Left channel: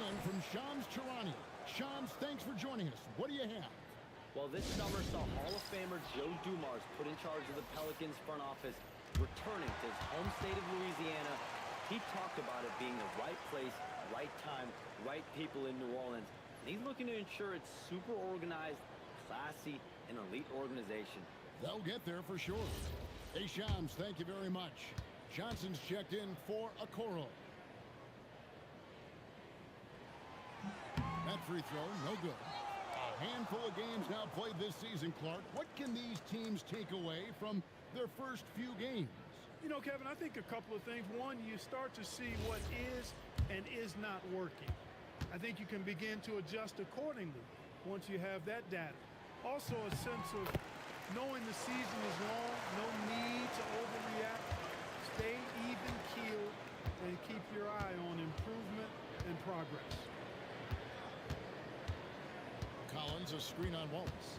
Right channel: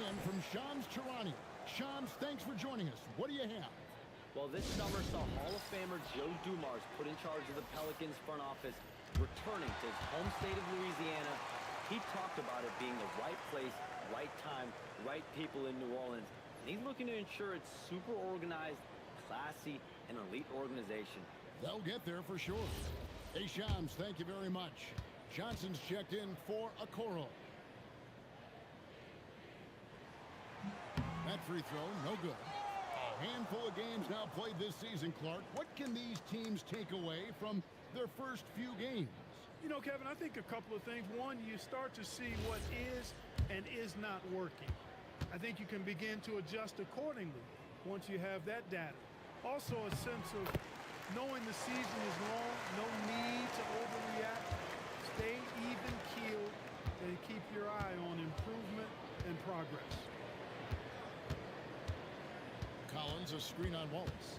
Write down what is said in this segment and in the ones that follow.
And from Shams Charania. Shams, thanks for joining us. What do you have? Well, this summer saw Hall of Famer Joe Dumars put in charge of the Pelicans front office, returning to his home state of Louisiana. He talked about it being the right place, right time, right people in New Orleans. And he's looking to ensure it's super organized, classy, and elite organization. They'll get there for sure. Hey, Shams, thank you very much. Johnson's checked in for Okoro. That free throw, no good. A handful of games now played this season, Clark. What can these teams take away from their first few games? You know, Kevin, I think a couple of things. One, you start to see what is and is not working. I think you can begin to adjust accordingly once you have that data. Also, a sense of knowing the season is long, no need to overreact. Stay even-keeled and keep your eye on improvement and progress. Collins, a screen on Wallace.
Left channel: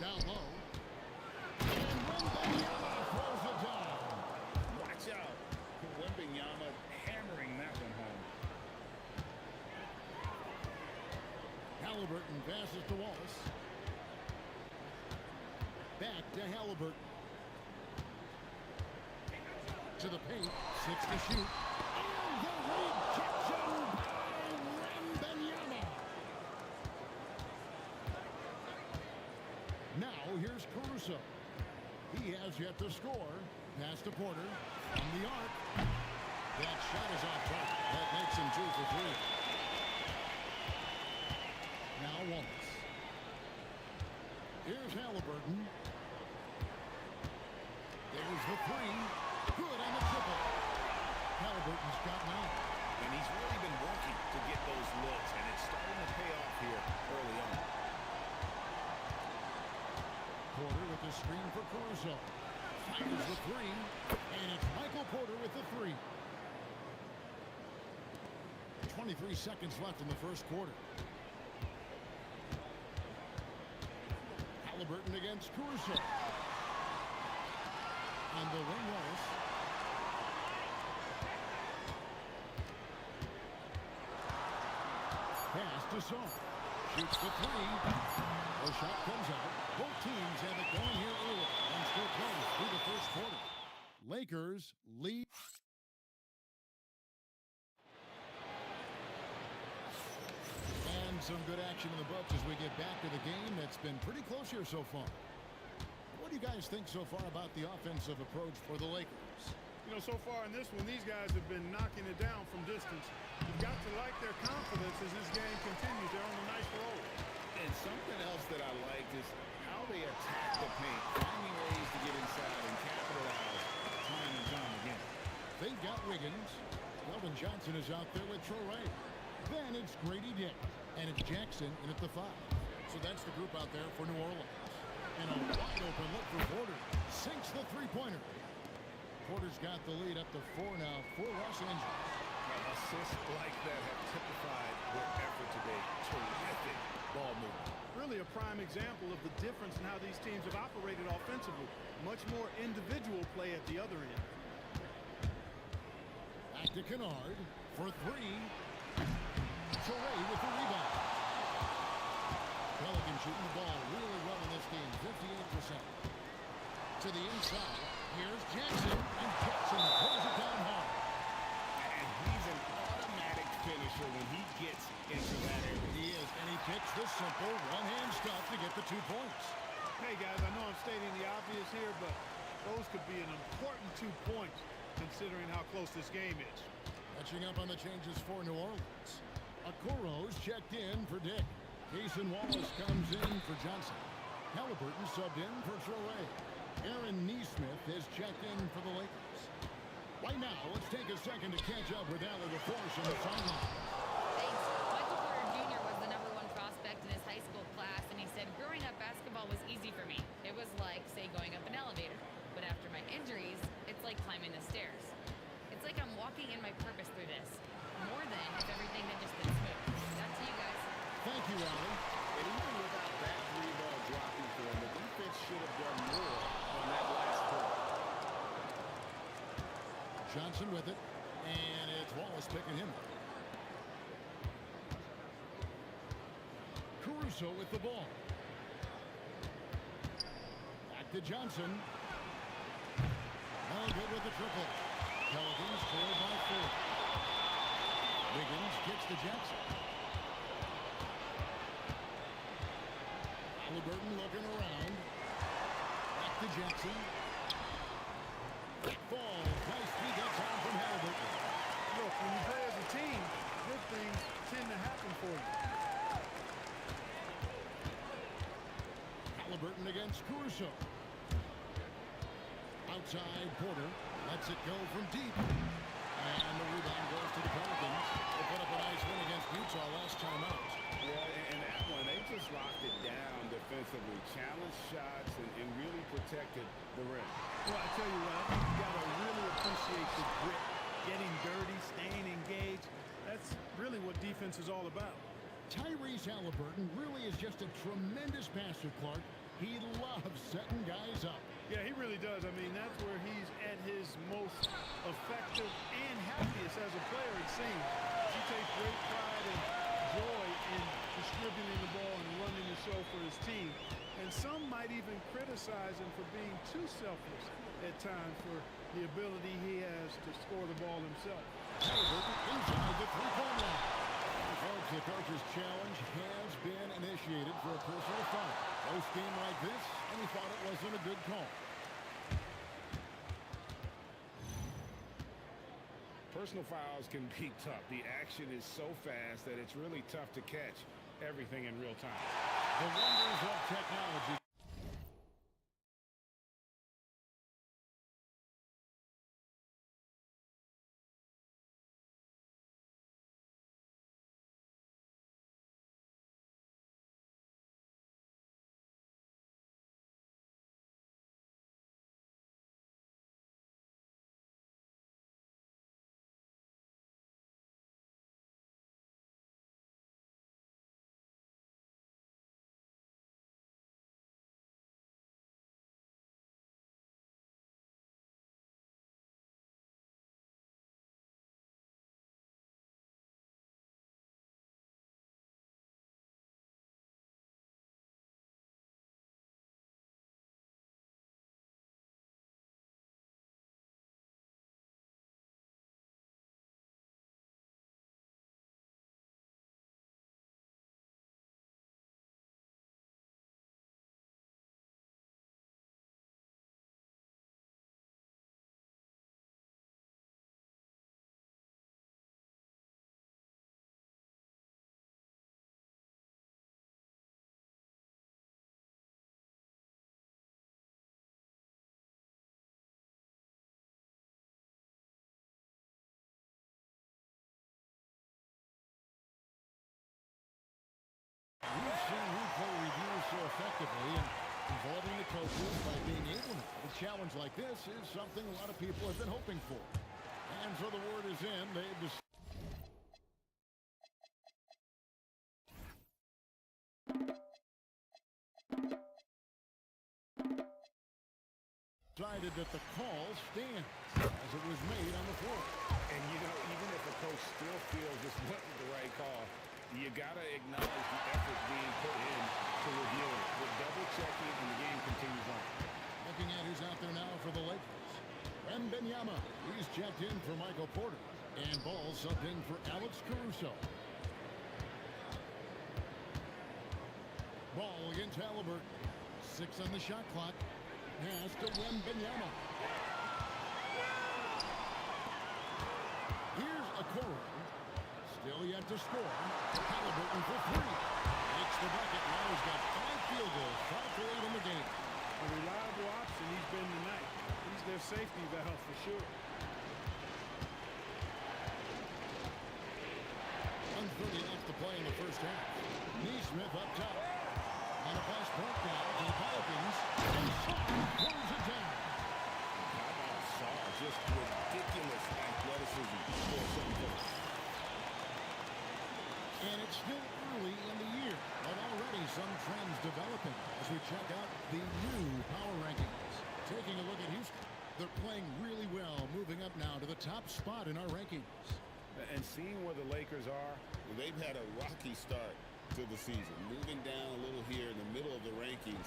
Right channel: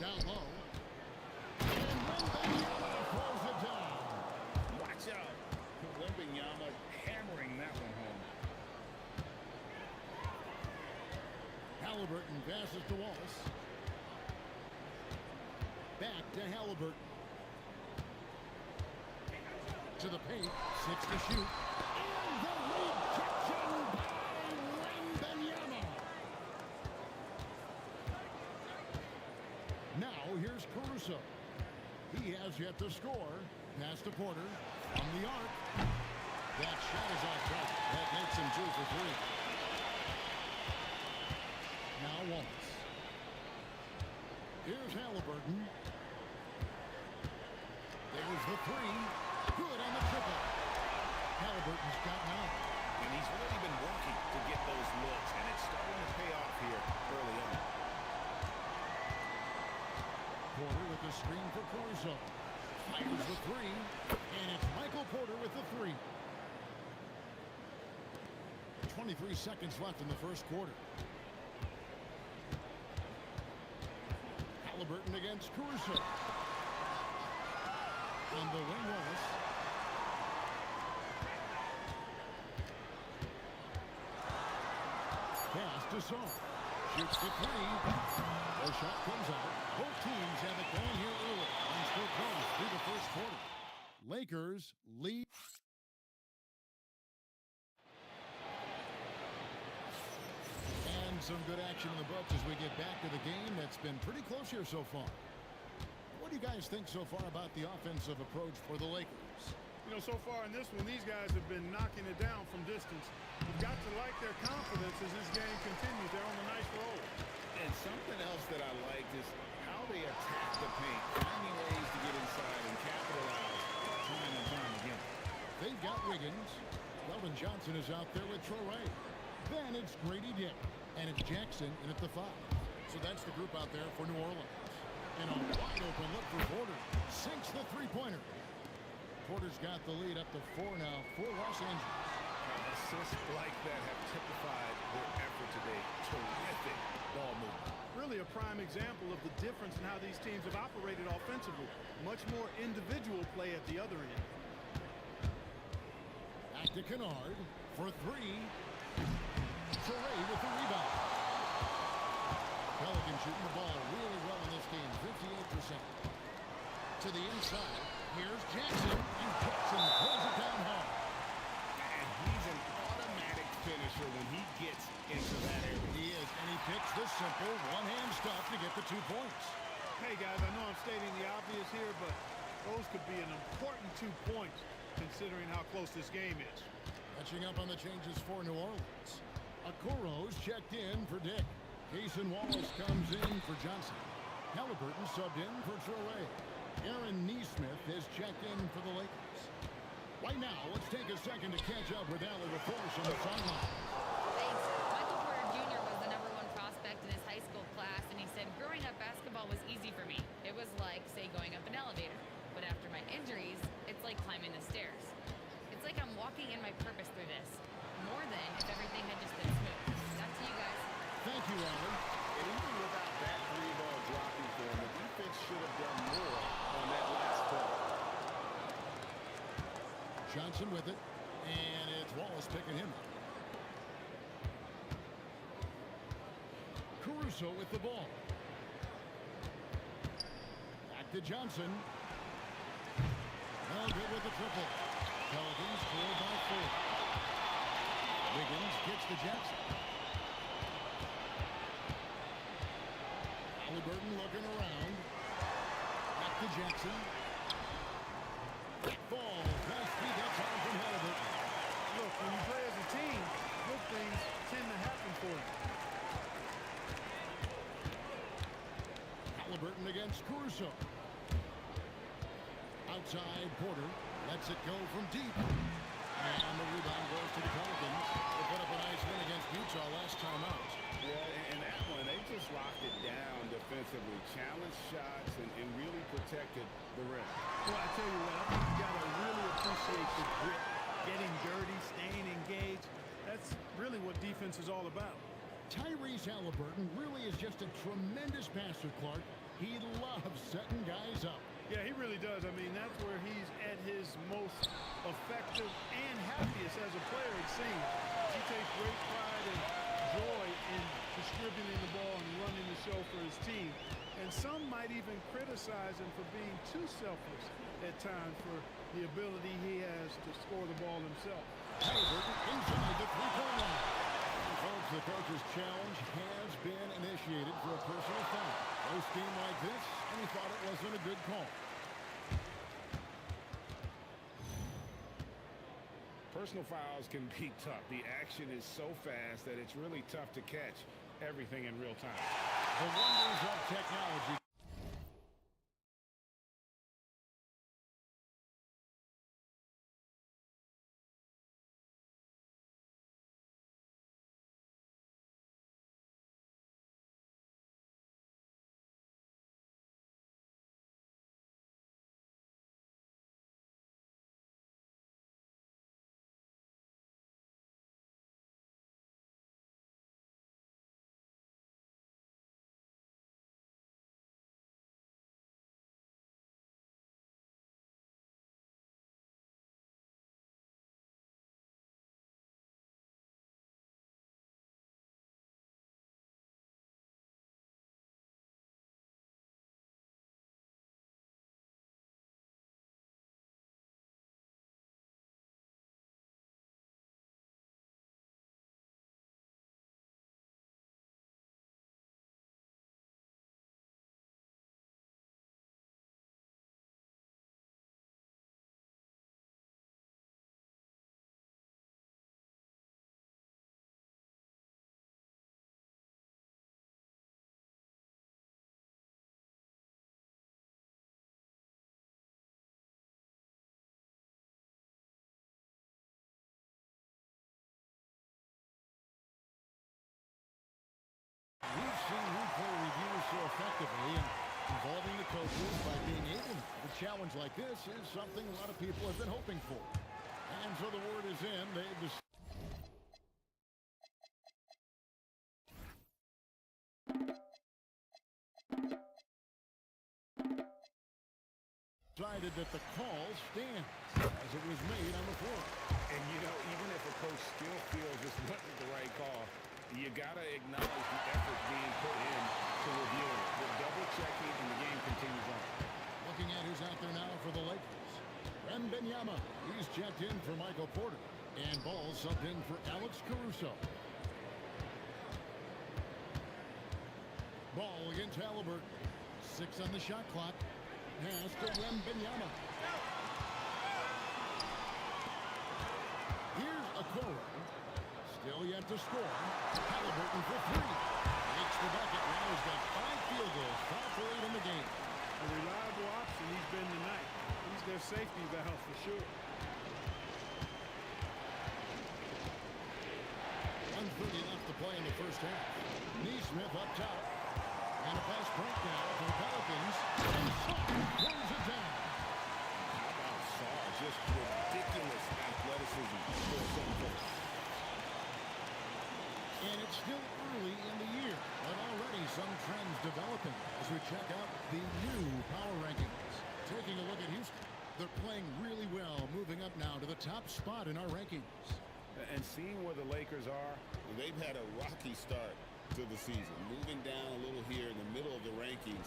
Down low. And Wembanyama throws it down. Watch out. Wembanyama hammering that one home. Halliburton passes to Wallace. Back to Halliburton. To the paint. 6 to shoot. And the rejection by Wembanyama. Now here's Caruso. He has yet to score. Pass to Porter from the arc. That shot is off target. That makes him 2 for 3. Now Wallace. Here's Halliburton. There's the 3. Good on the triple. Halliburton's got 9. And he's really been working to get those looks, and it's starting to pay off here early on. Porter with the screen for Caruso. Fires the 3. And it's Michael Porter with the 3. 23 seconds left in the first quarter. Halliburton against Caruso. On the wing, Wallace. Pass to Saw. Shoots the 3. The shot comes out. Both teams have it going here early and still close through the first quarter. Lakers lead. And some good action in the books as we get back to the game that's been pretty close here so far. What do you guys think so far about the offensive approach for the Lakers? You know, so far in this one, these guys have been knocking it down from distance. You've got to like their confidence as this game continues. They're on a nice roll. And something else that I liked is how they attack the paint, finding ways to get inside and capitalize time and time again. They've got Wiggins. Keldon Johnson is out there with Traore. Then it's Grady Dick. And it's Jackson in at the 5. So that's the group out there for New Orleans. And a wide open look for Porter. Sinks the three-pointer. Porter's got the lead up to 4 now for Los Angeles. Assists like that have typified their effort today. Terrific ball movement. Really a prime example of the difference in how these teams have operated offensively. Much more individual play at the other end. Back to Kennard for 3. Traore with the rebound. Pelican shooting the ball really well in this game, 58%. To the inside, here's Jackson, and Jackson throws it down hard. And he's an automatic finisher when he gets into that area. He is, and he picks the simple one-hand stuff to get the 2 points. Hey, guys, I know I'm stating the obvious here, but those could be an important 2 points considering how close this game is. Catching up on the changes for New Orleans. Okoro's checked in for Dick. Cason Wallace comes in for Johnson. Halliburton subbed in for Traore. Aaron Neesmith has checked in for the Lakers. Right now, let's take a second to catch up with Allie LaForce on the sideline. Thanks. Michael Porter Jr. was the #1 prospect in his high school class, and he said, growing up, basketball was easy for me. It was like, say, going up an elevator. But after my injuries, it's like climbing the stairs. It's like I'm walking in my purpose through this. More than if everything had just been smooth. Back to you guys. Thank you, Allie. And even without that 3-ball dropping for him, the defense should have done more on that last play. Johnson with it, and it's Wallace picking him up. Caruso with the ball. Back to Johnson. No good with the triple. Pelicans trail by 4. Wiggins gets to Jackson. Halliburton looking around. Back to Jackson. Falls. Nice feed that time from Halliburton. Look, when you play as a team, good things tend to happen for you. Halliburton against Caruso. Outside, Porter lets it go from deep. And the rebound goes to the Pelicans. They put up a nice win against Utah last time out. Yeah, and that one, they just locked it down defensively. Challenged shots and really protected the rim. Well, I tell you what, I think you got to really appreciate the grit. Getting dirty, staying engaged. That's really what defense is all about. Tyrese Halliburton really is just a tremendous passer, Clark. He loves setting guys up. Yeah, he really does. I mean, that's where he's at his most effective and happiest as a player, it seems. He takes great pride and joy in distributing the ball and running the show for his team. And some might even criticize him for being too selfless at times for the ability he has to score the ball himself. Halliburton inside the three-point line. And folks, the coach's challenge has been initiated for a personal foul. Close game like this, and he thought it wasn't a good call. Personal fouls can be tough. The action is so fast that it's really tough to catch everything in real time. The wonders of technology. We've seen replay reviews so effectively and involving the coaches by being able now. A challenge like this is something a lot of people have been hoping for. And so the word is in. They've decided that the call stands as it was made on the floor. And, you know, even if a coach still feels this wasn't the right call, you got to acknowledge the effort being put in to reviewing it. The double checking and the game continues on. Looking at who's out there now for the Lakers. Wembanyama, he's checked in for Michael Porter. And Ball subbed in for Alex Caruso. Ball against Halliburton. 6 on the shot clock. Pass to Wembanyama. Here's Okoro. Still yet to score. Halliburton for 3. Makes the bucket. Now he's got 5 field goals. 5 for 8 in the game. A reliable option he's been tonight. He's their safety valve for sure. 1:30 left to play in the first half. Neesmith up top. And a pass breakdown to the Pelicans. And Sarr throws it down. How about Sarr? Just ridiculous athleticism for a 7-footer. And it's still early in the year, but already some trends developing as we check out the new power rankings. Taking a look at Houston, they're playing really well, moving up now to the top spot in our rankings. And seeing where the Lakers are, they've had a rocky start. to the season. Moving down a little here in the middle of the rankings.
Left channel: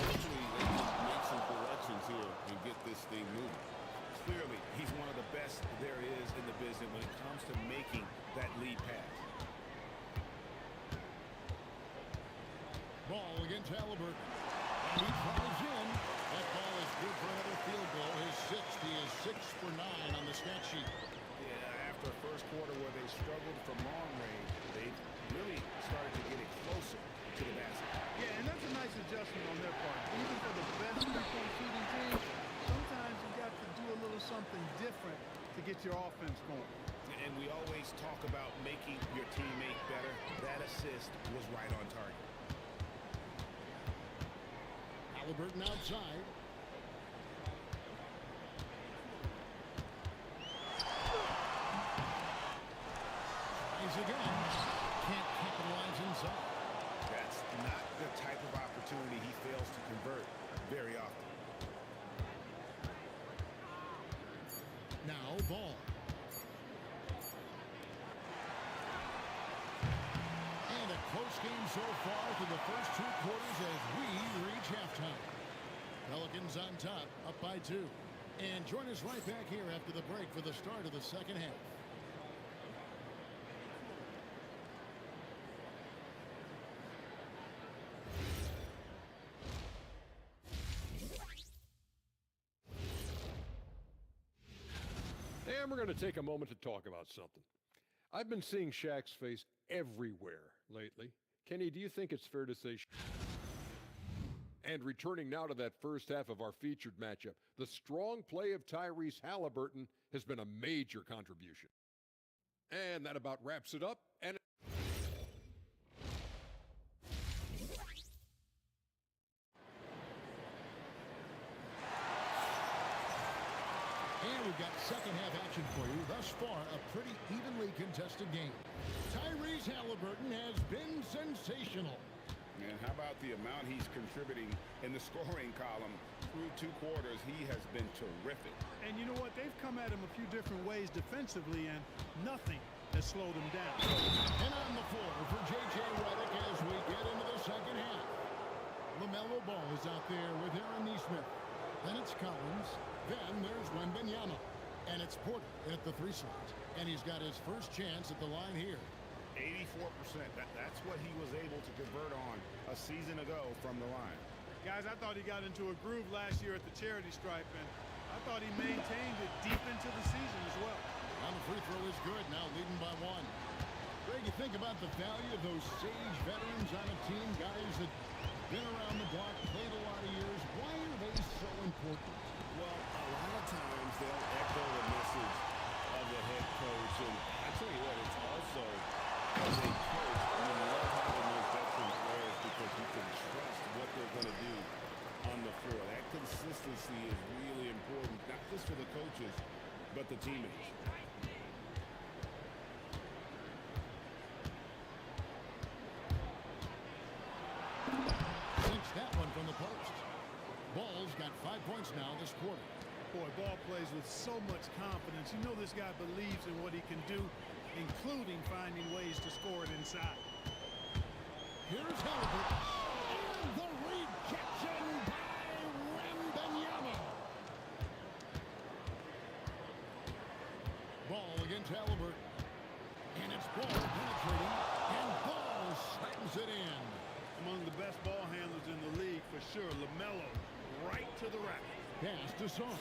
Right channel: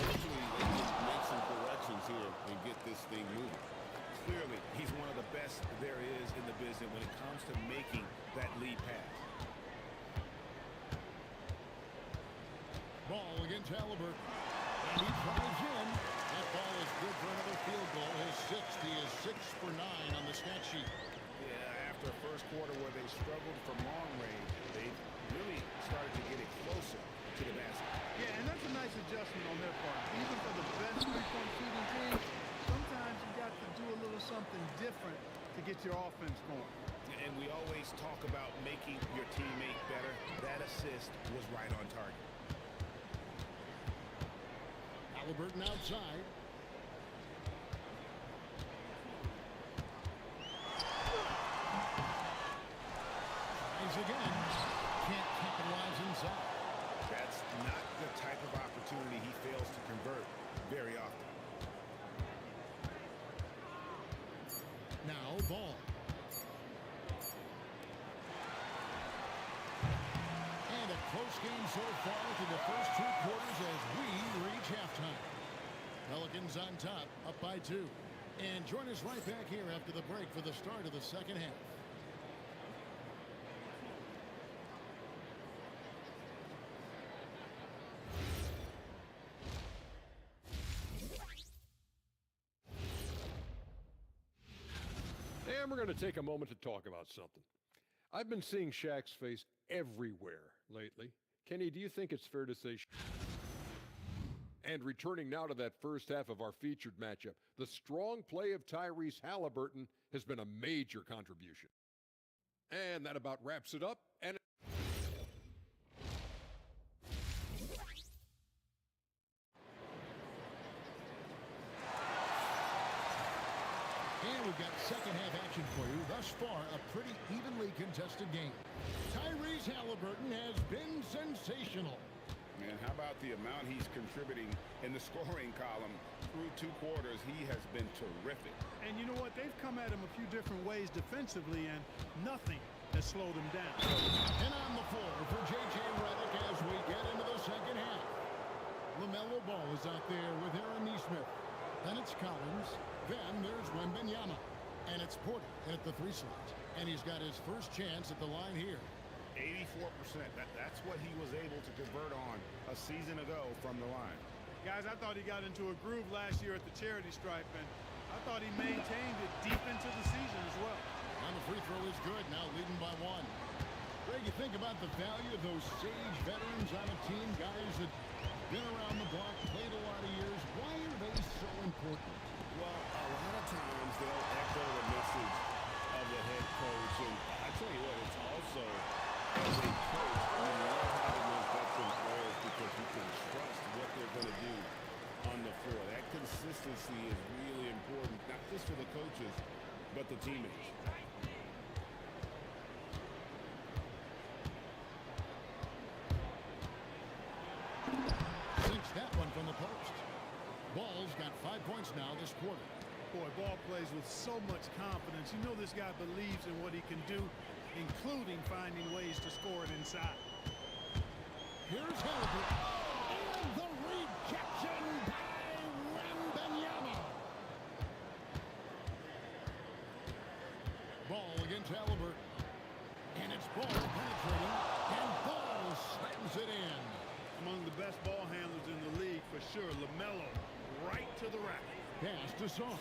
Hopefully they can make some corrections here and get this thing moving. Clearly, he's one of the best there is in the business when it comes to making that lead pass. Ball against Halliburton. And he drives in. That ball is good for another field goal. His 6th. He is 6 for 9 on the stat sheet. Yeah, after a first quarter where they struggled from long range, they really started to get it closer to the basket. Yeah, and that's a nice adjustment on their part. Even for the best three-point shooting team, sometimes you got to do a little something different to get your offense going. And we always talk about making your teammate better. That assist was right on target. Halliburton outside. Tries again. Can't capitalize inside. That's not the type of opportunity he fails to convert very often. Now Ball. And a close game so far through the first 2 quarters as we reach halftime. Pelicans on top, up by 2. And join us right back here after the break for the start of the second half. And we're going to take a moment to talk about something. I've been seeing Shaq's face everywhere lately. Kenny, do you think it's fair to say... And returning now to that first half of our featured matchup, the strong play of Tyrese Halliburton has been a major contribution. And that about wraps it up. And we've got second half action for you. Thus far, a pretty evenly contested game. Tyrese Halliburton has been sensational. And how about the amount he's contributing in the scoring column through 2 quarters? He has been terrific. And you know what? They've come at him a few different ways defensively, and nothing has slowed him down. And on the floor for J.J. Redick as we get into the second half. LaMelo Ball is out there with Aaron Nesmith. Then it's Collins. Then there's Wembanyama. And it's Porter at the 3 slot. And he's got his first chance at the line here. 84%. That's what he was able to convert on a season ago from the line. Guys, I thought he got into a groove last year at the charity stripe, and I thought he maintained it deep into the season as well. And the free throw is good, now leading by 1. Greg, you think about the value of those sage veterans on a team, guys that been around the block, played a lot of years. Why are they so important? Well, a lot of times they'll echo the message of the head coach. And I tell you what, it's also, as a coach, you love having those veteran players because you can trust what they're going to do on the floor. That consistency is really important, not just for the coaches, but the teammates. Sinks that one from the post. Ball's got 5 points now this quarter. Boy, Ball plays with so much confidence. You know this guy believes in what he can do, including finding ways to score it inside. Here's Halliburton. And the rejection by Wembanyama. Ball against Halliburton. And it's Ball penetrating. And Ball slams it in. Among the best ball handlers in the league, for sure. LaMelo right to the rack. Pass to Song.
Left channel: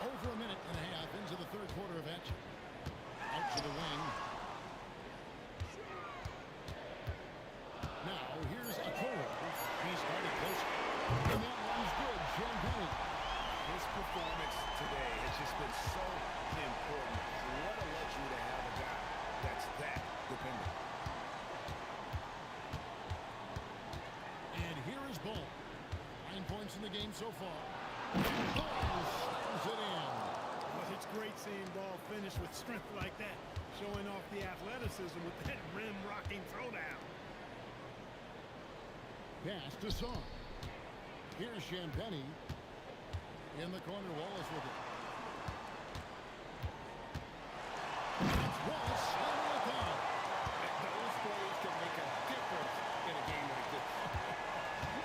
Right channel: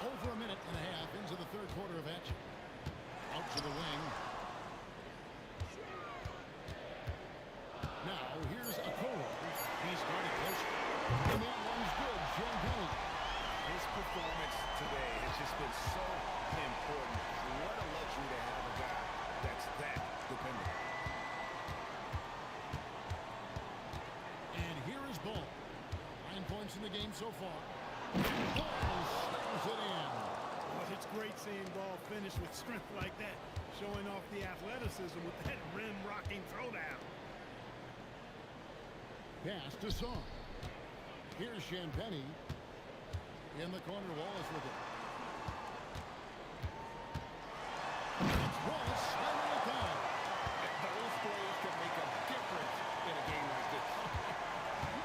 Over a minute and a half into the third quarter of action. Out to the wing. Now here's Okoro. He started closer. And that one's good. Champagne. His performance today has just been so important. What a luxury to have a guy that's that dependable. And here is Ball. 9 points in the game so far. Ball slams it in. Well, it's great seeing Ball finish with strength like that, showing off the athleticism with that rim-rocking throwdown. Pass to Song. Here's Champagne. In the corner, Wallace with it. It's Wallace. slamming it down. Those plays can make a difference in a game like this.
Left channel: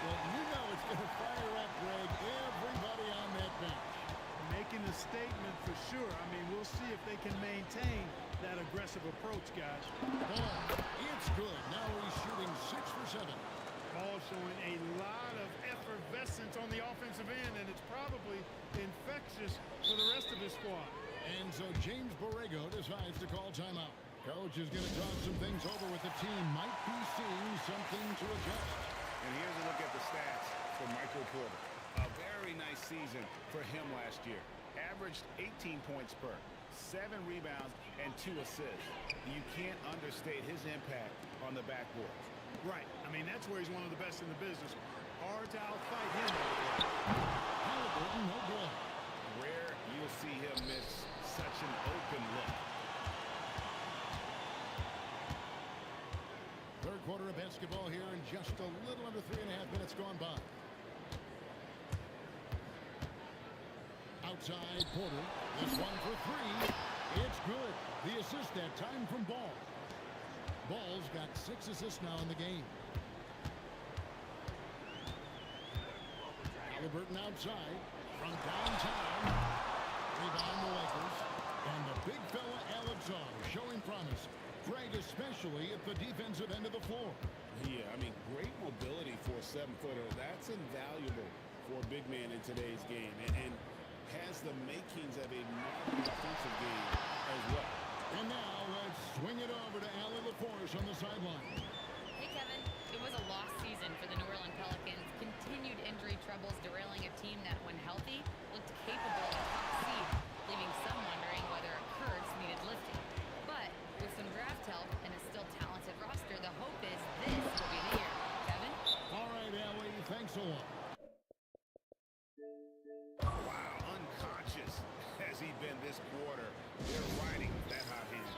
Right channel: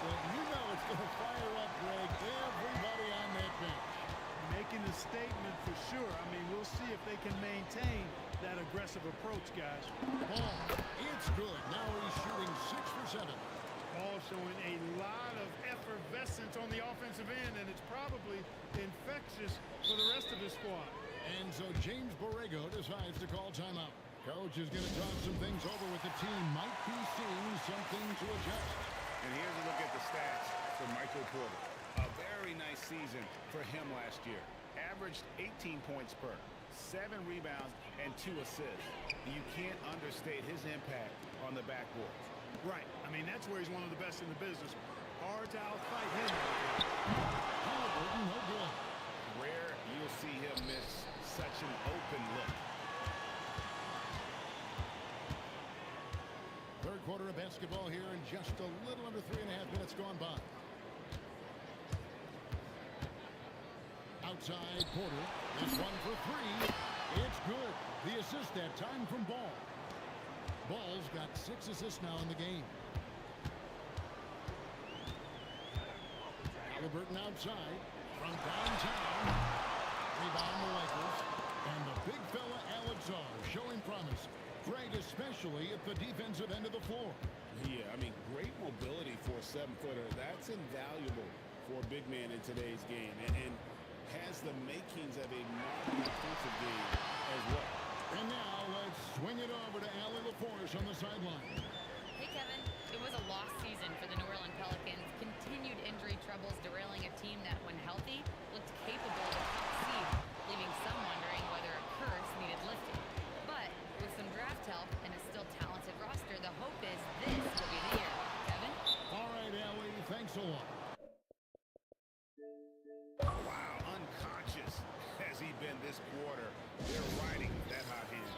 Well, you know it's going to fire up, Greg, everybody on that bench. Making a statement for sure. I mean, we'll see if they can maintain that aggressive approach, guys. Ball, it's good. Now he's shooting 6 for 7. Ball showing a lot of effervescence on the offensive end, and it's probably infectious for the rest of his squad. And so James Borrego decides to call timeout. Coach is going to talk some things over with the team. Might be seeing something to adjust. And here's a look at the stats for Michael Porter. A very nice season for him last year. Averaged 18 points per, 7 rebounds, and 2 assists. You can't understate his impact on the backboards. Right. I mean, that's where he's one of the best in the business. Hard to outfight him on the glass. Halliburton, no good. Rare you'll see him miss such an open look. Third quarter of basketball here in just a little under 3.5 minutes gone by. Outside Porter. This one for 3. It's good. The assist that time from Ball. Ball's got 6 assists now in the game. Halliburton outside from downtown. Rebound the Lakers. And the big fella Alex R showing promise. Greg, especially at the defensive end of the floor. Yeah, I mean, great mobility for a 7-footer. That's invaluable for a big man in today's game. And has the makings of a modern offensive game as well. And now let's swing it over to Allie LaForce on the sideline. Hey, Kevin. It was a lost season for the New Orleans Pelicans. Continued injury troubles derailing a team that, when healthy, looked capable of a top seed, leaving some wondering whether a curse needed lifting. But with some draft help and a still talented roster, the hope is this will be the year. Kevin? All right, Allie, thanks a lot. Wow, unconscious has he been this quarter. They're riding that hot hand.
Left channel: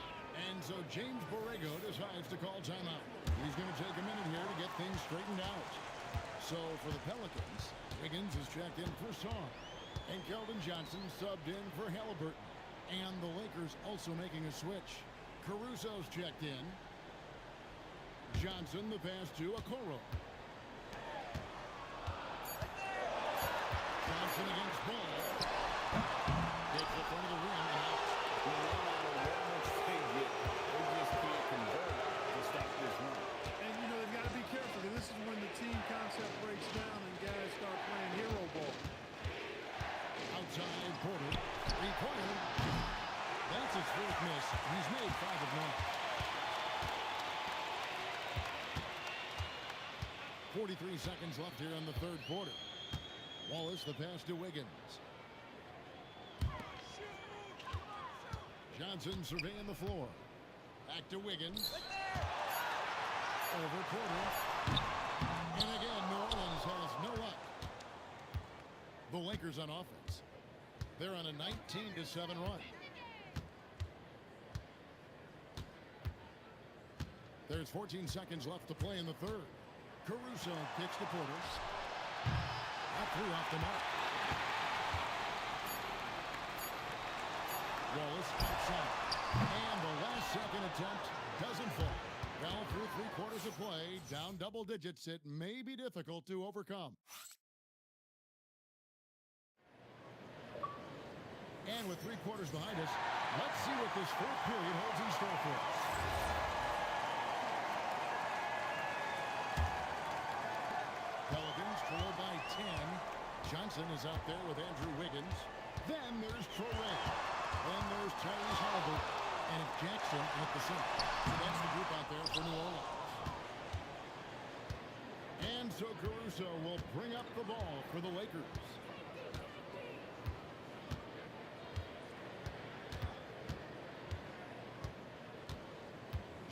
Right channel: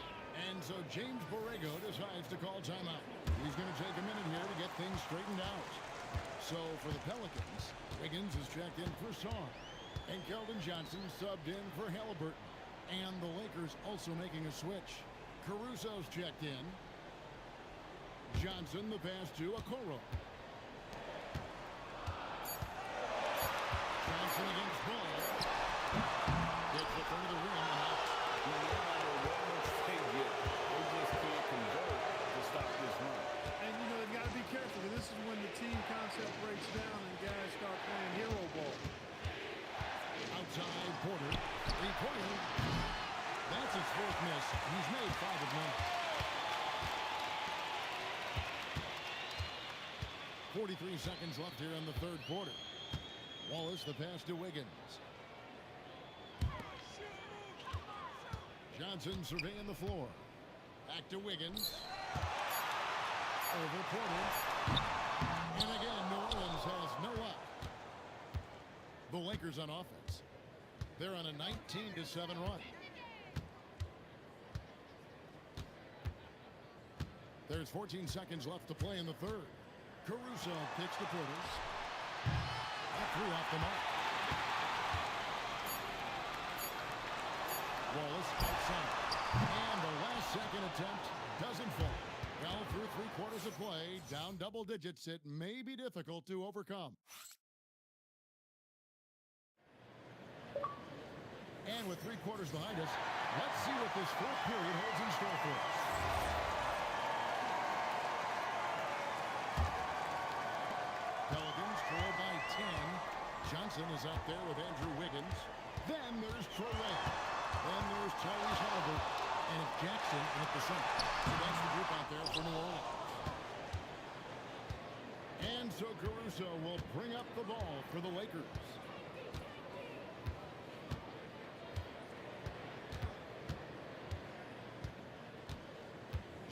And so James Borrego decides to call timeout. He's going to take a minute here to get things straightened out. So for the Pelicans, Wiggins is checked in for Song. And Keldon Johnson subbed in for Halliburton. And the Lakers also making a switch. Caruso's checked in. Johnson the pass to Okoro. Johnson against Ball. Hits the front of the rim and out. No matter what looks they get, they just can't convert to stop this run. And, you know, they've got to be careful, because this is when the team concept breaks down and guys start playing hero ball. Outside Porter. Three-pointer. That's his 4th miss. He's made 5 of 9. 43 seconds left here in the 3rd quarter. Wallace the pass to Wiggins. Johnson surveying the floor. Back to Wiggins. Over Porter. And again, New Orleans has no luck. The Lakers on offense. They're on a 19-7 run. There's 14 seconds left to play in the 3rd. Caruso kicks to Porter. That 3 off the mark. Wallace outside. And the last second attempt doesn't fall. Well, through 3 quarters of play, down double digits, it may be difficult to overcome. And with 3 quarters behind us, let's see what this 4th period holds in store for us. Pelicans trail by 10. Johnson is out there with Andrew Wiggins. Then there's Traore. Then there's Tyrese Halliburton. And it's Jackson at the center. So that's the group out there for New Orleans. And so Caruso will bring up the ball for the Lakers.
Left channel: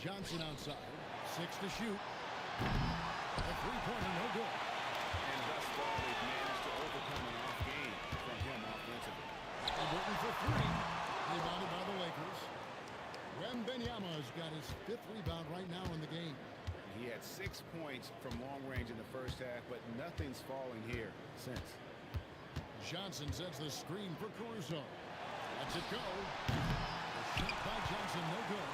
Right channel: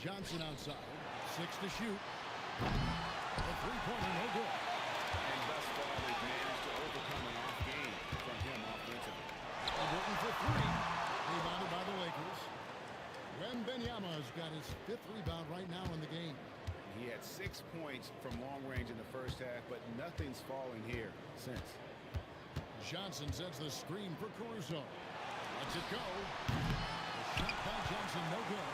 Johnson outside. 6 to shoot. A 3-pointer, no good. And thus far, they've managed to overcome an off game from him offensively. Halliburton for 3. Rebounded by the Lakers. Wembanyama's got his 5th rebound right now in the game. He had 6 points from long range in the first half, but nothing's falling here since. Johnson sets the screen for Caruso. Lets it go. The shot by Johnson, no good.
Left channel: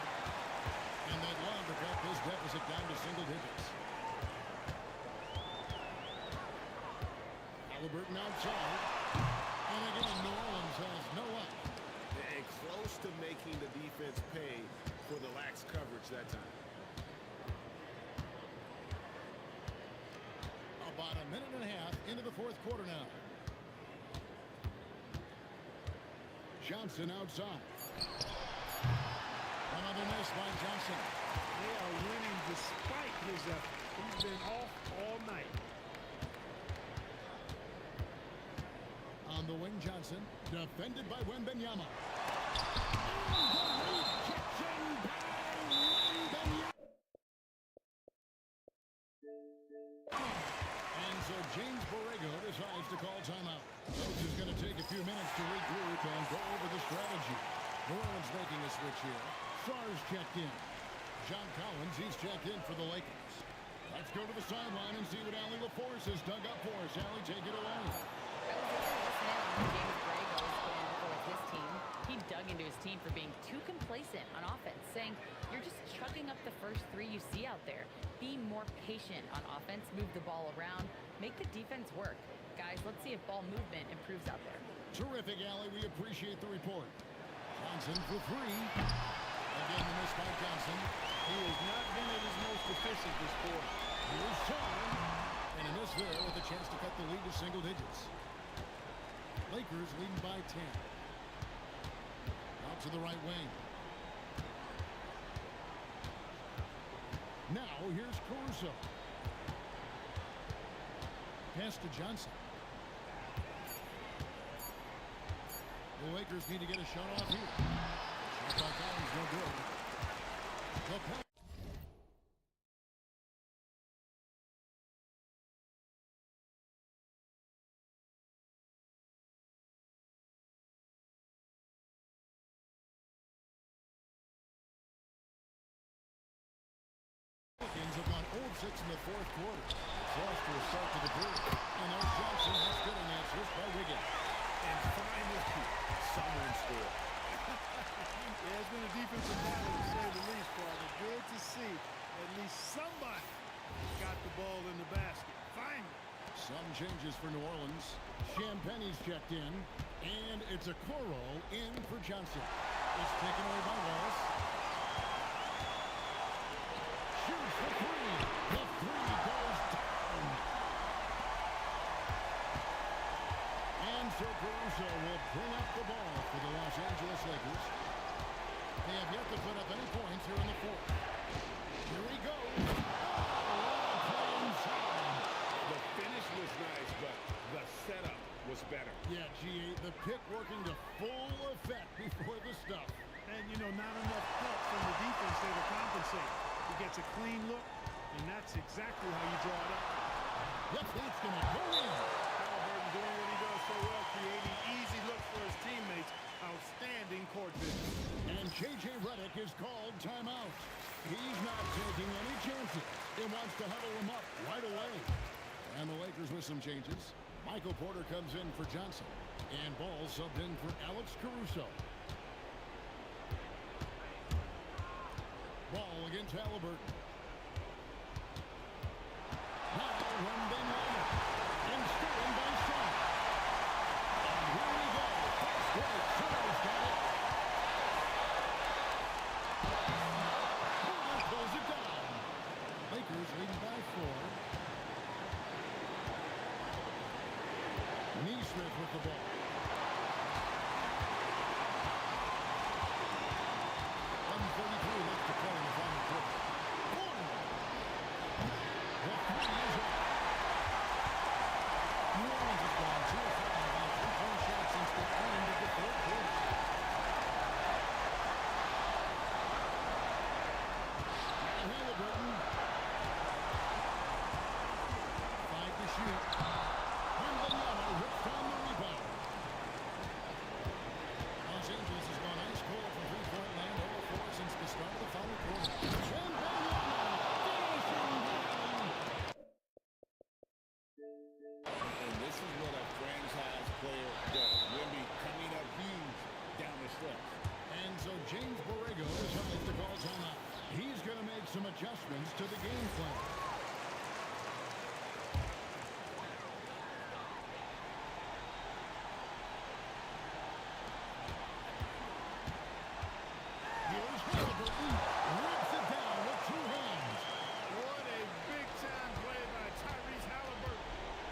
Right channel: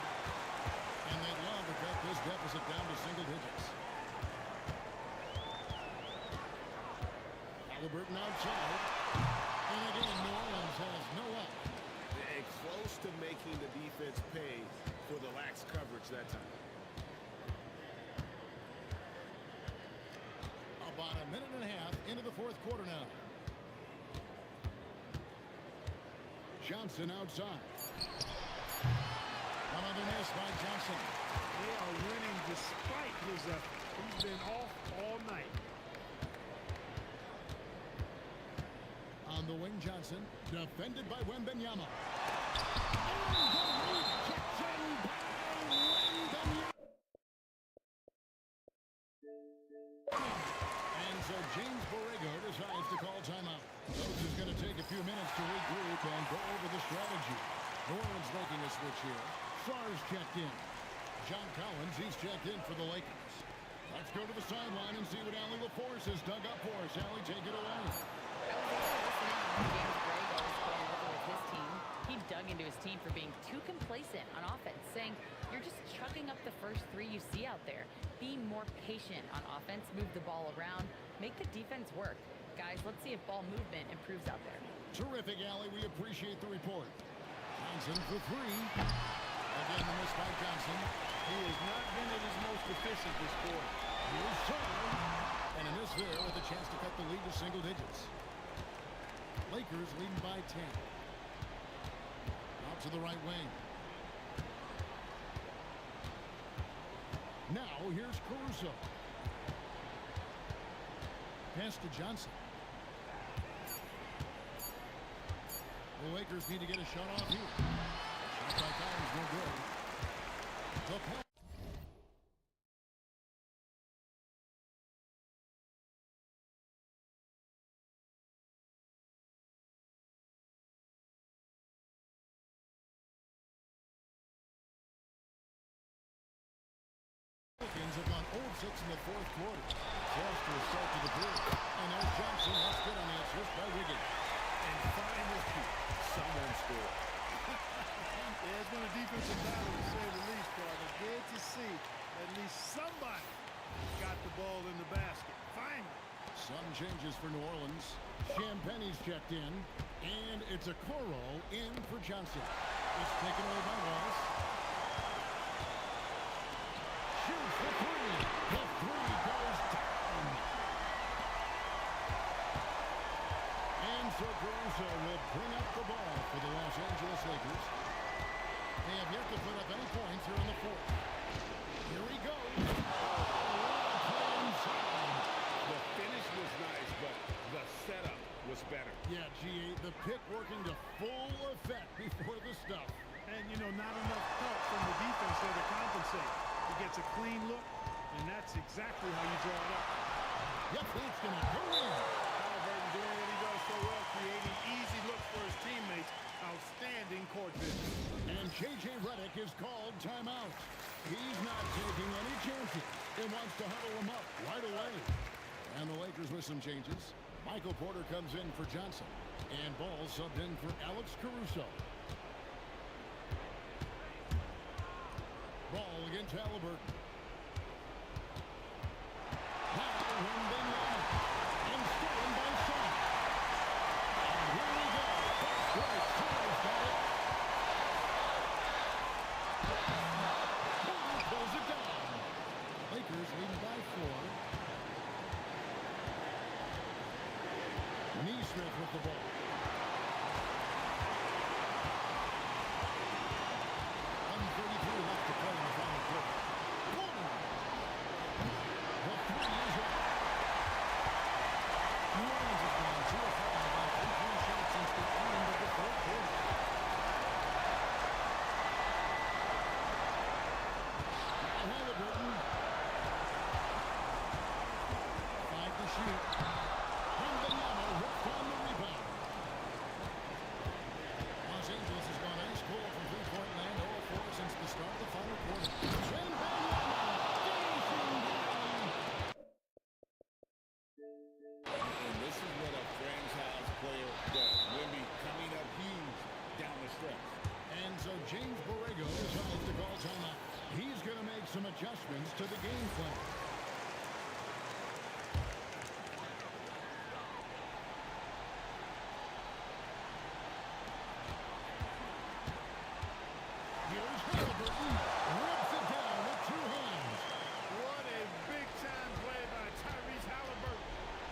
And they'd love to cut this deficit down to single digits. Halliburton outside. And again, New Orleans has no luck. And close to making the defense pay for the lax coverage that time. About a minute and a half into the fourth quarter now. Johnson outside. Another miss by Johnson. They are winning despite his effort. He's been off all night. On the wing, Johnson, defended by Wembanyama. And the rejection by Wembanyama. And so James Borrego decides to call timeout. Coach is going to take a few minutes to regroup and go over the strategy. New Orleans making a switch here. Sarge checked in. John Collins, he's checked in for the Lakers. Let's go to the sideline and see what Allie LaForce has dug up for us. Allie, take it away. I was able to listen in on what James Borrego was going over with his team. He dug into his team for being too complacent on offense, saying, you're just chucking up the first three you see out there. Be more patient on offense, move the ball around, make the defense work. Guys, let's see if ball movement improves out there. Terrific, Allie. We appreciate the report. Johnson for three. Again, the miss by Johnson. He has not been at his most efficient this quarter. Here's Song. And a miss there with a chance to cut the lead to single digits. Lakers leading by 10. Out to the right wing. Now here's Caruso. Pass to Johnson. The Lakers need to get a shot off here. Shot by Collins, no good. The Pelicans have gone 0-6 in the fourth quarter. Disastrous start to the period. And there's Johnson. That's good on the assist by Wiggins. And finally, someone scored. Yeah, it's been a defensive battle to say the least, partner. Good to see at least somebody got the ball in the basket. Finally. Some changes for New Orleans. Champagne's checked in. And it's a Coro in for Johnson. It's taken away by Wallace. Shoots the three. The three goes down. And so Caruso will bring up the ball for the Los Angeles Lakers. They have yet to put up any points here in the fourth. Here he goes. Oh, what a play inside. The finish was nice, but the setup was better. Yeah, G8, the pick working to full effect before the stuff. And, you know, not enough help from the defense there to compensate. He gets a clean look, and that's exactly how you draw it up. Yep, that's going to go in. Halliburton doing what he does so well, creating easy looks for his teammates. Outstanding court vision. And J.J. Redick is called timeout. He's not taking any chances. He wants to huddle him up right away. And the Lakers with some changes. Michael Porter comes in for Johnson. And Ball subbed in for Alex Caruso. Ball against Halliburton. Now Wembanyama. And stolen by Shaw. And here we go. Fast break. Charles got it. Porter pulls it down. Lakers leading by 4. Neesmith with the ball. 1:33 left to play in the final quarter. Porter. The three is off. New Orleans has gone 2 of 5 on 3-point shots since the end of the third quarter. Now Halliburton. 5 to shoot. Wembanyama rips down the rebound. Los Angeles has gone ice cold from three-point land, 0-4 since the start of the final quarter. Wembanyama finishing the alley. And this is what a franchise player does. Wemby coming up huge down the stretch. And so James Borrego decides to call timeout. He's going to make some adjustments to the game plan. Here's Halliburton. Rips it down with two hands. What a big-time play by Tyrese Halliburton.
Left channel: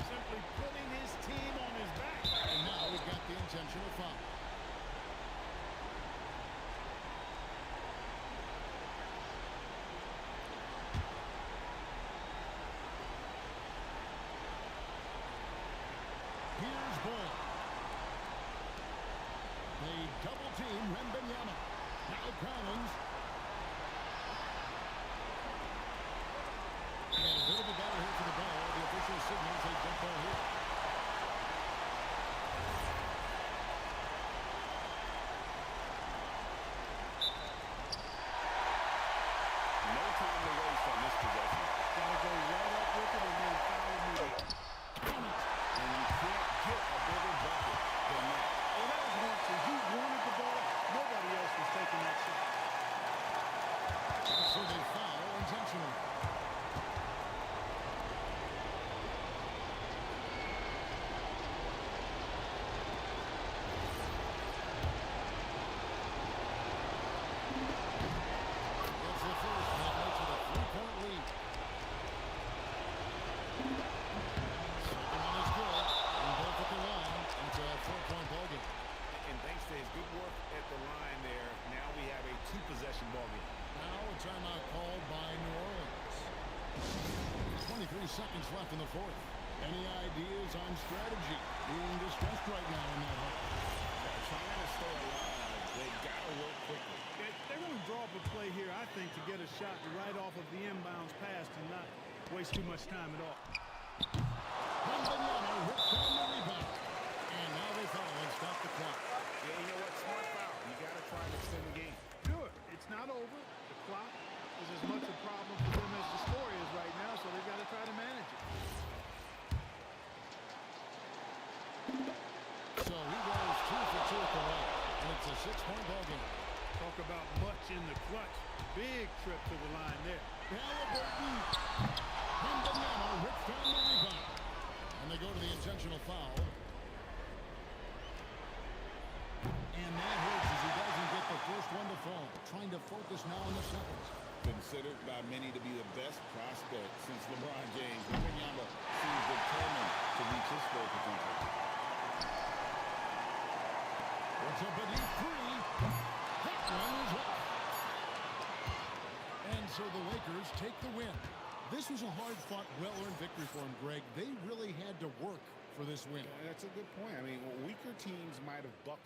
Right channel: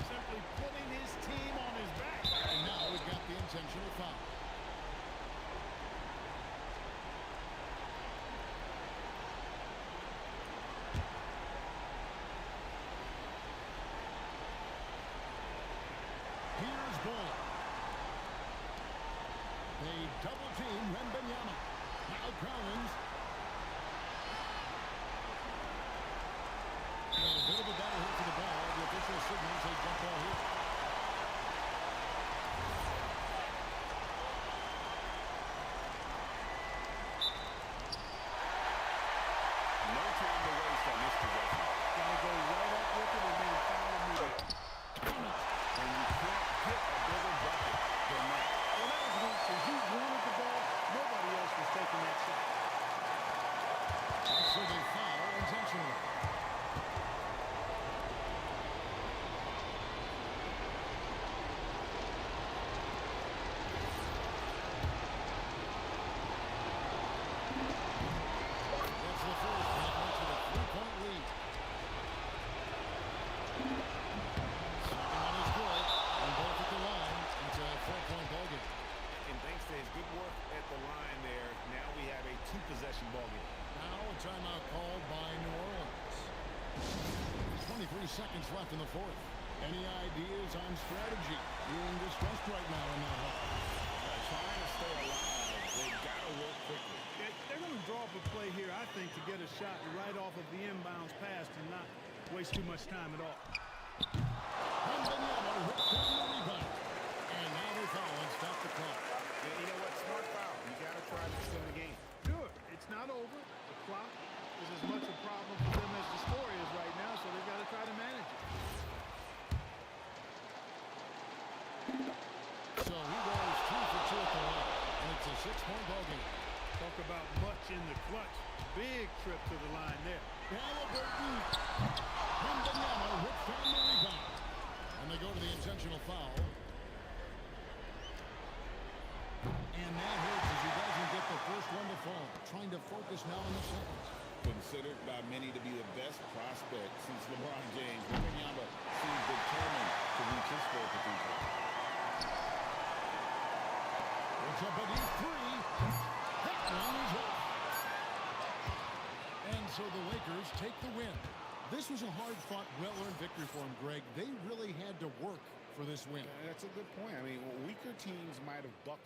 Simply putting his team on his back. And now we've got the intentional foul. Here's Ball. They double team Wembanyama. Now Collins. And a bit of a battle here for the ball. The official signals a jump ball here. No time to waste on this possession. Got to go right up with it and then foul immediately. Count it. And you can't get a bigger bucket than that. Well, that was one, two. He wanted the ball. Nobody else was taking that shot. And so they foul intentionally. It's the first, and it makes it a three-point lead. Second one is good, and both at the line. It's a four-point ballgame. And thanks to his good work at the line there, now we have a two-possession ballgame. Now a timeout called by New Orleans. 23 seconds left in the fourth. Any ideas on strategy being discussed right now in that hole? Trying to stay alive, they've got to work quickly. They're going to draw up a play here, I think, to get a shot right off of the inbounds pass and not waste too much time at all. Wembanyama rips down the rebound. And now they foul and stop the clock. Yeah, you know what? Smart foul. You got to try and extend the game. Sure, it's not over. The clock is as much a problem for them as the score is right now, so they've got to try to manage it. So he goes 2 for 2 at the line. And it's a 6-point ballgame. Talk about much in the clutch. Big trip to the line there. Halliburton. Wembanyama rips down the rebound. And they go to the intentional foul. And that hurts as he doesn't get the first one to fall. Trying to focus now on the seconds. Considered by many to be the best prospect since LeBron James, Wembanyama seems determined to reach his full potential. It's up a deep three. That one is off. And so the Lakers take the win. This was a hard-fought, well-earned victory for them, Greg. They really had to work for this win. That's a good point. I mean, weaker teams might have bucked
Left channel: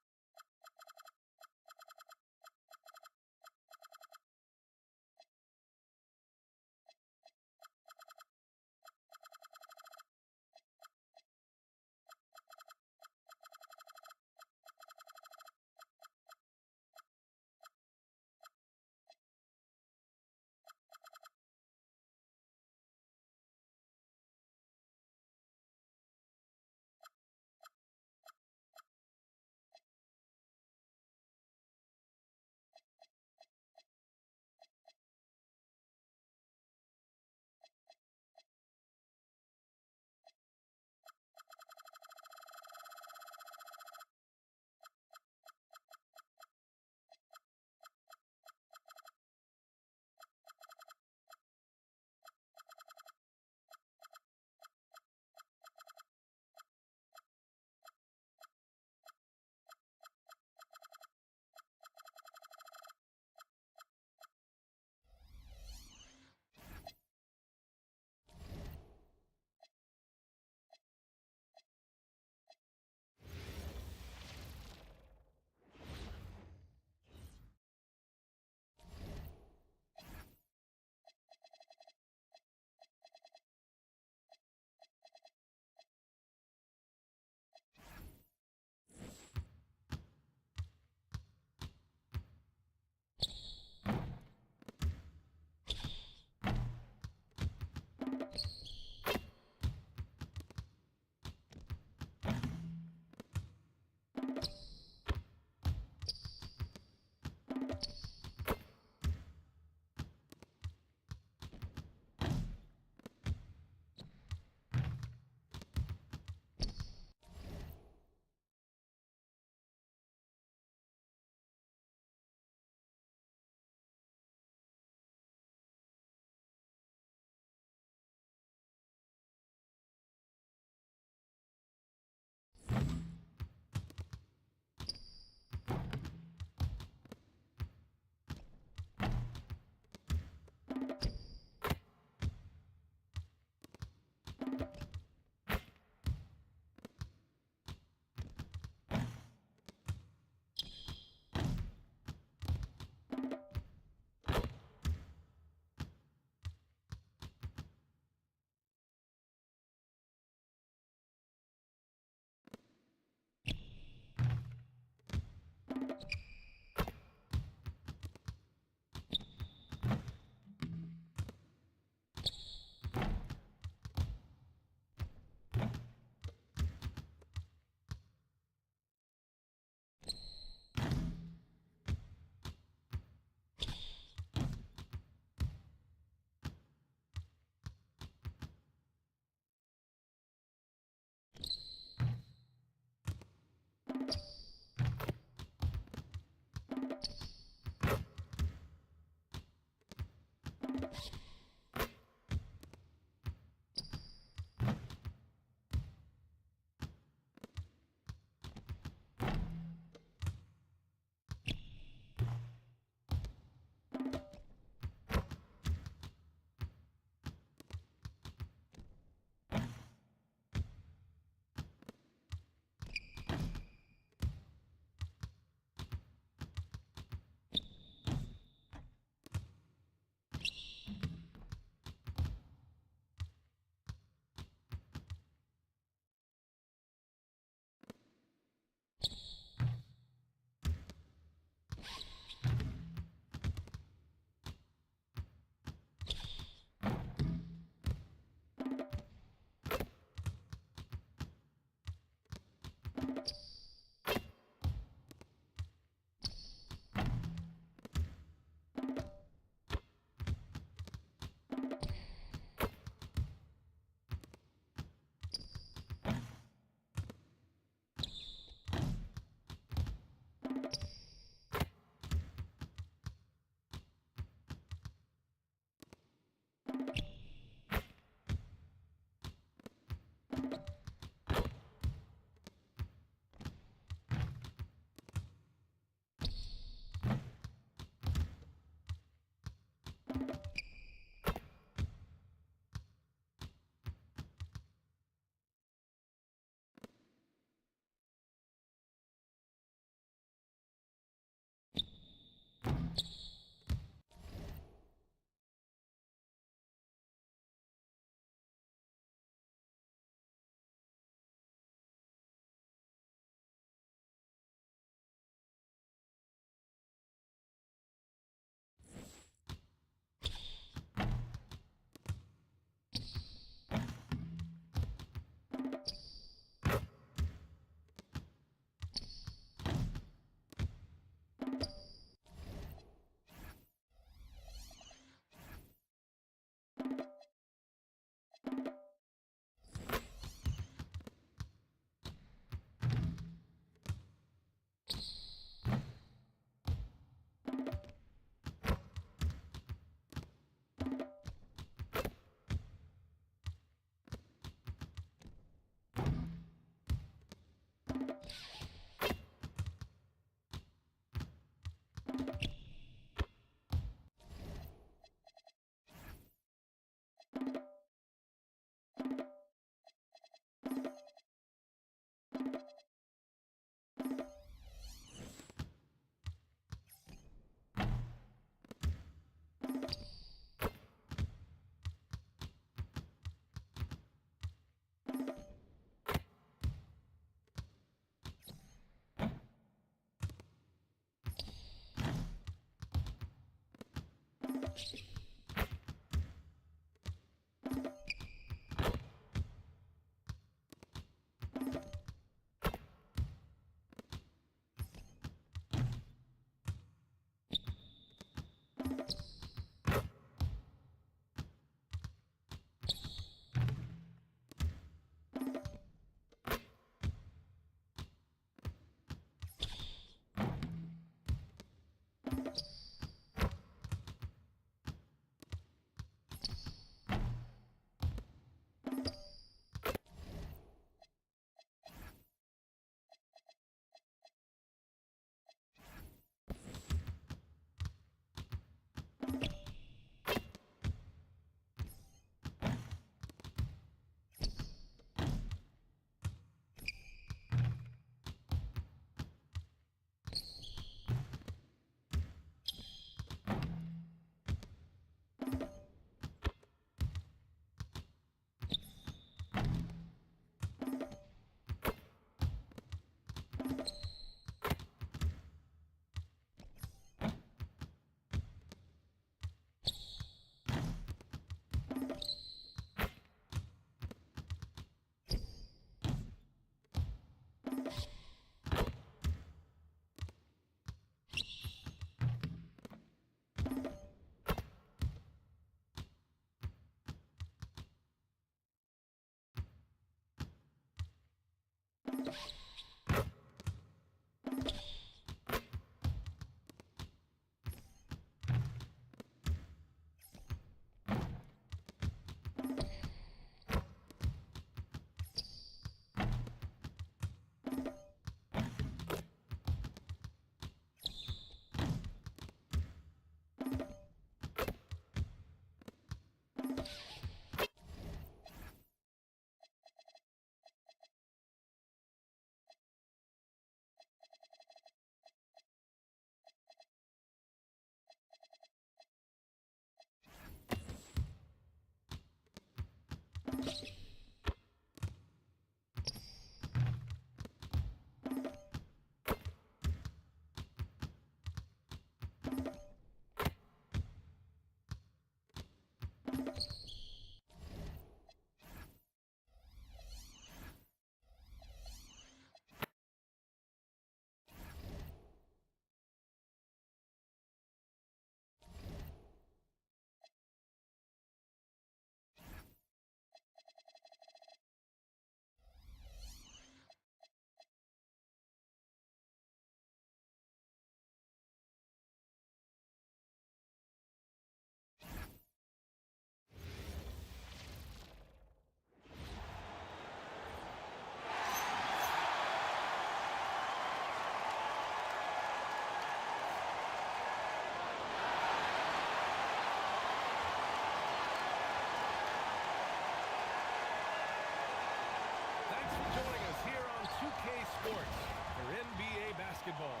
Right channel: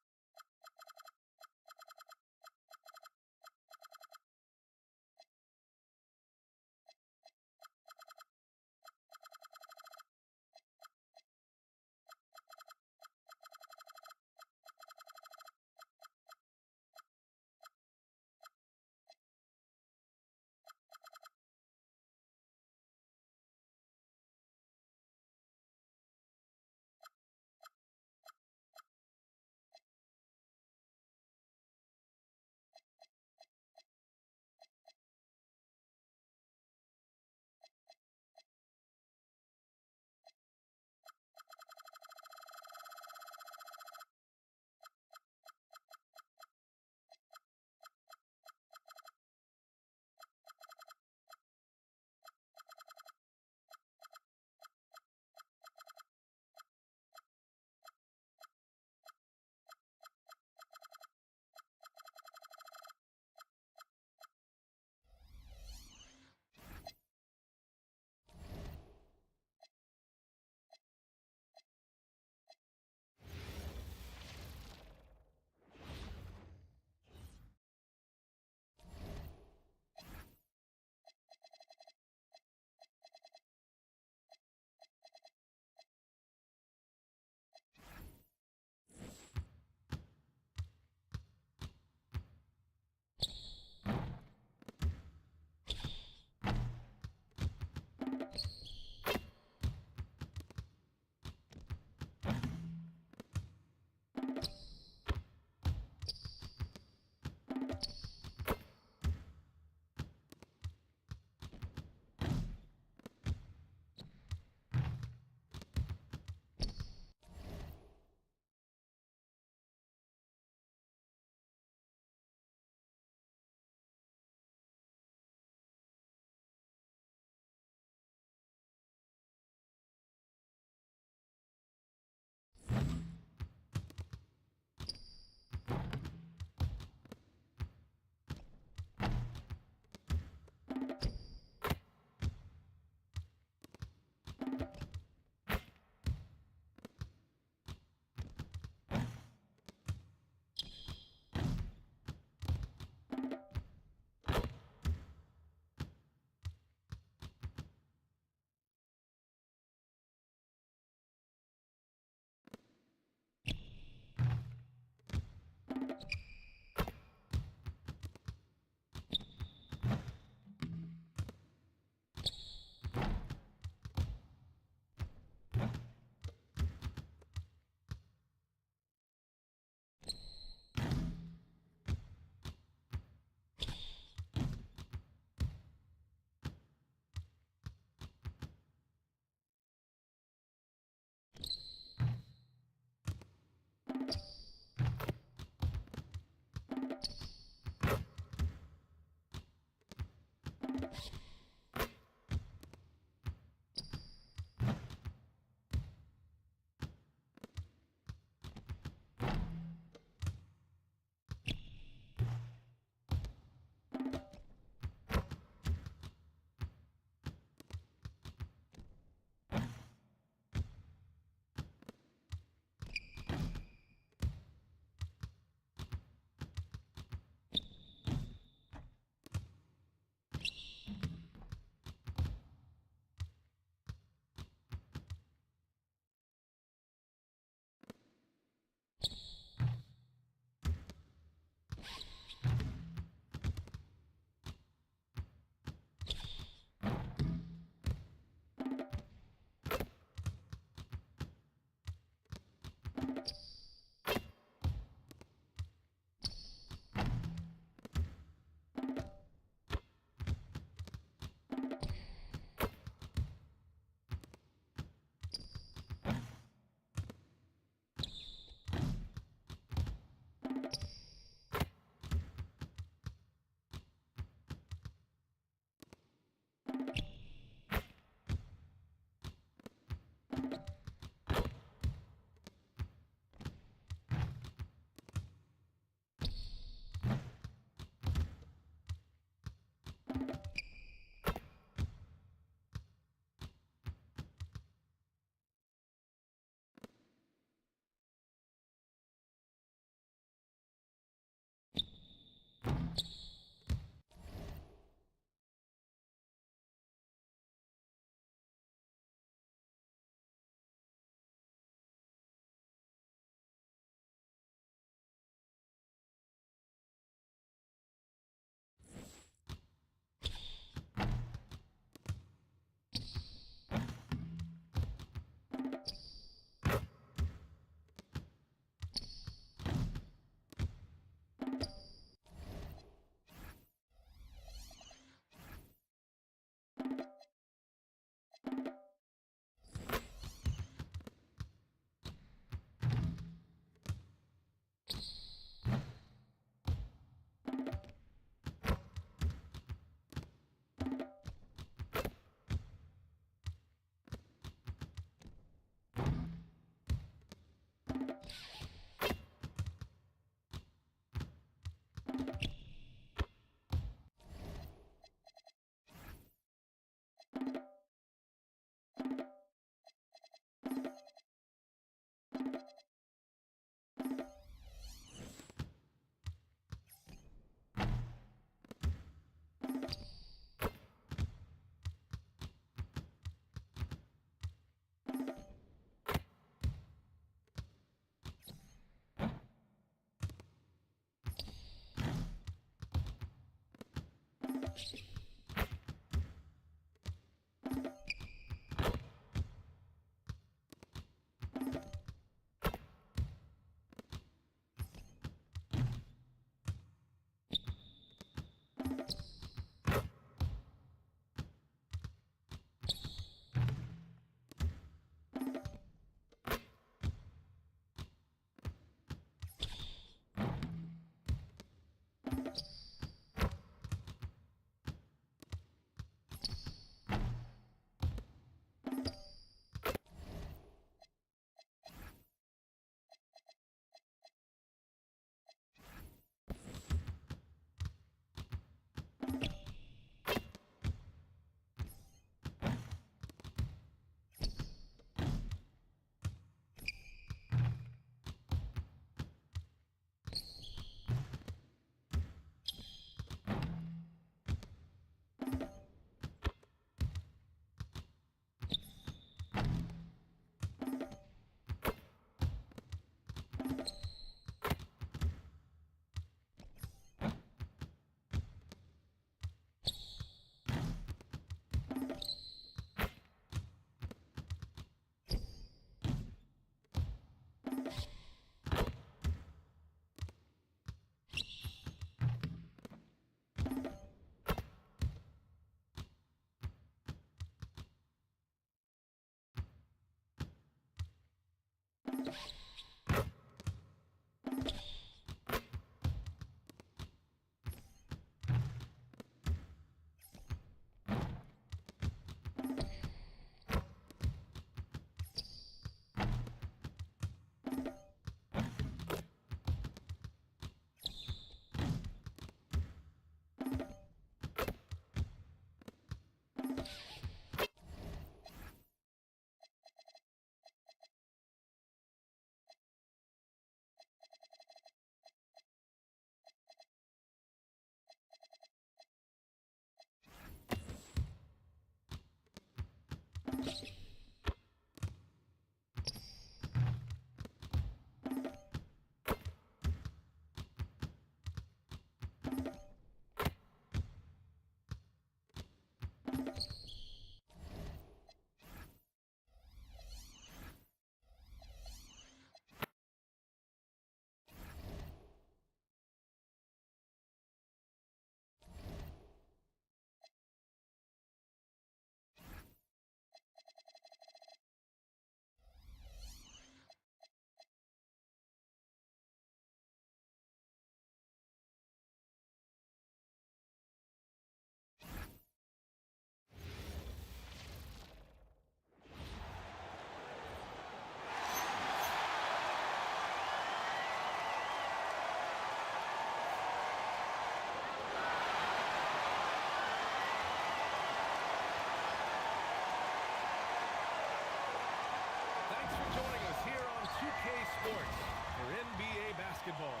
2K Sports for NBA basketball.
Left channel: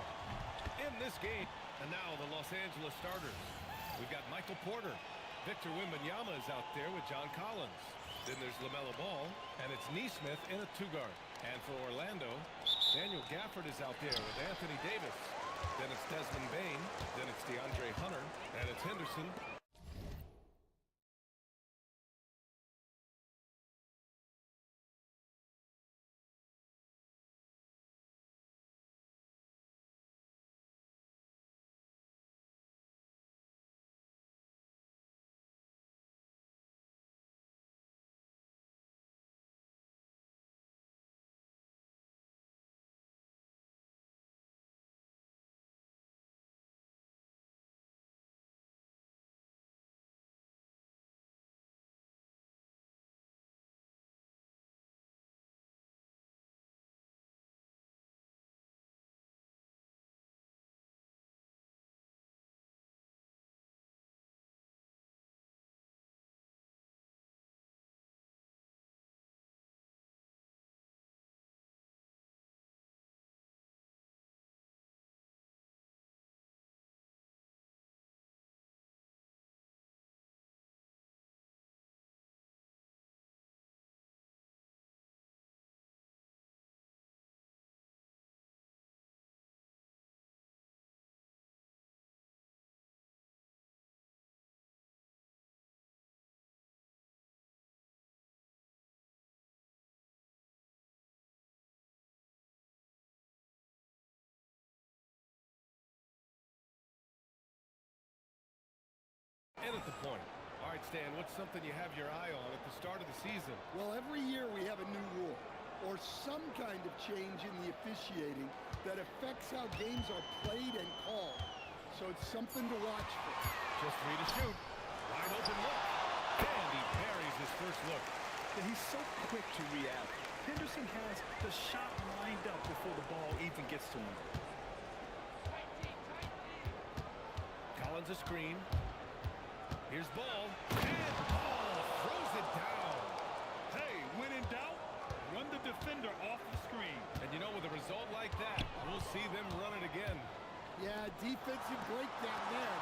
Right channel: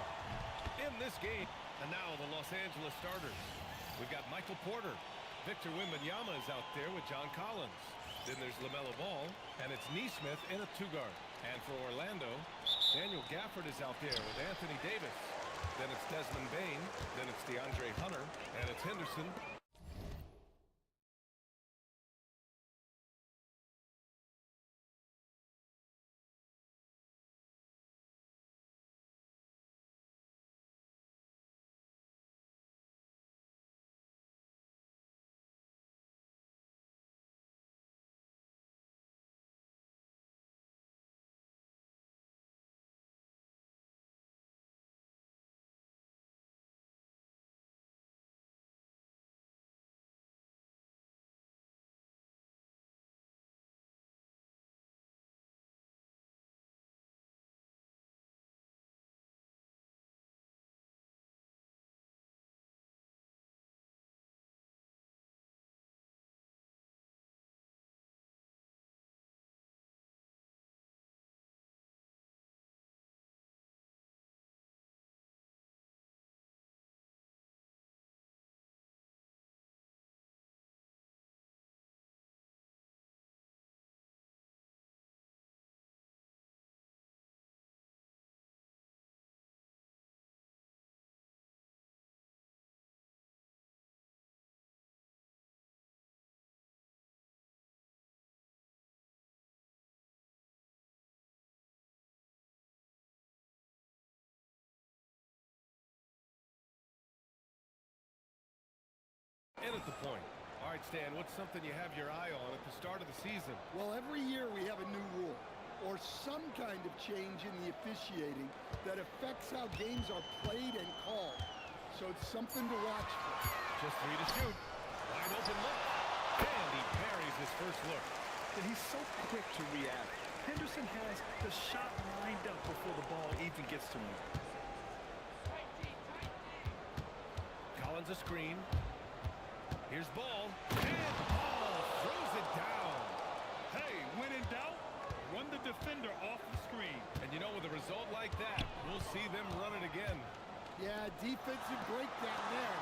In this game, and now the Los Angeles starters. We've got Michael Porter. Victor Wembanyama is out there with John Collins. Then there's LaMelo Ball, and it's Neesmith in a two-guard. And for Orlando, Daniel Gafford is out there with Anthony Davis. Then it's Desmond Bane. Then it's DeAndre Hunter. And it's Henderson. in at the point. All right, Stan, what's something you have your eye on at the start of the season? Well, every year we have a new rule or some kind of change in the officiating that affects how games are played and called. So it's something to watch for. Just 3 to shoot. Wide open look. And he parries his first look. And he's so quick to react. Henderson has the shot lined up before the ball even gets to him. Collins a screen. Here's ball. And ball throws it down. Hey, when in doubt, run the defender off the screen. And you know, with a result like that, we'll see them run it again. Yeah, defensive breakdown there.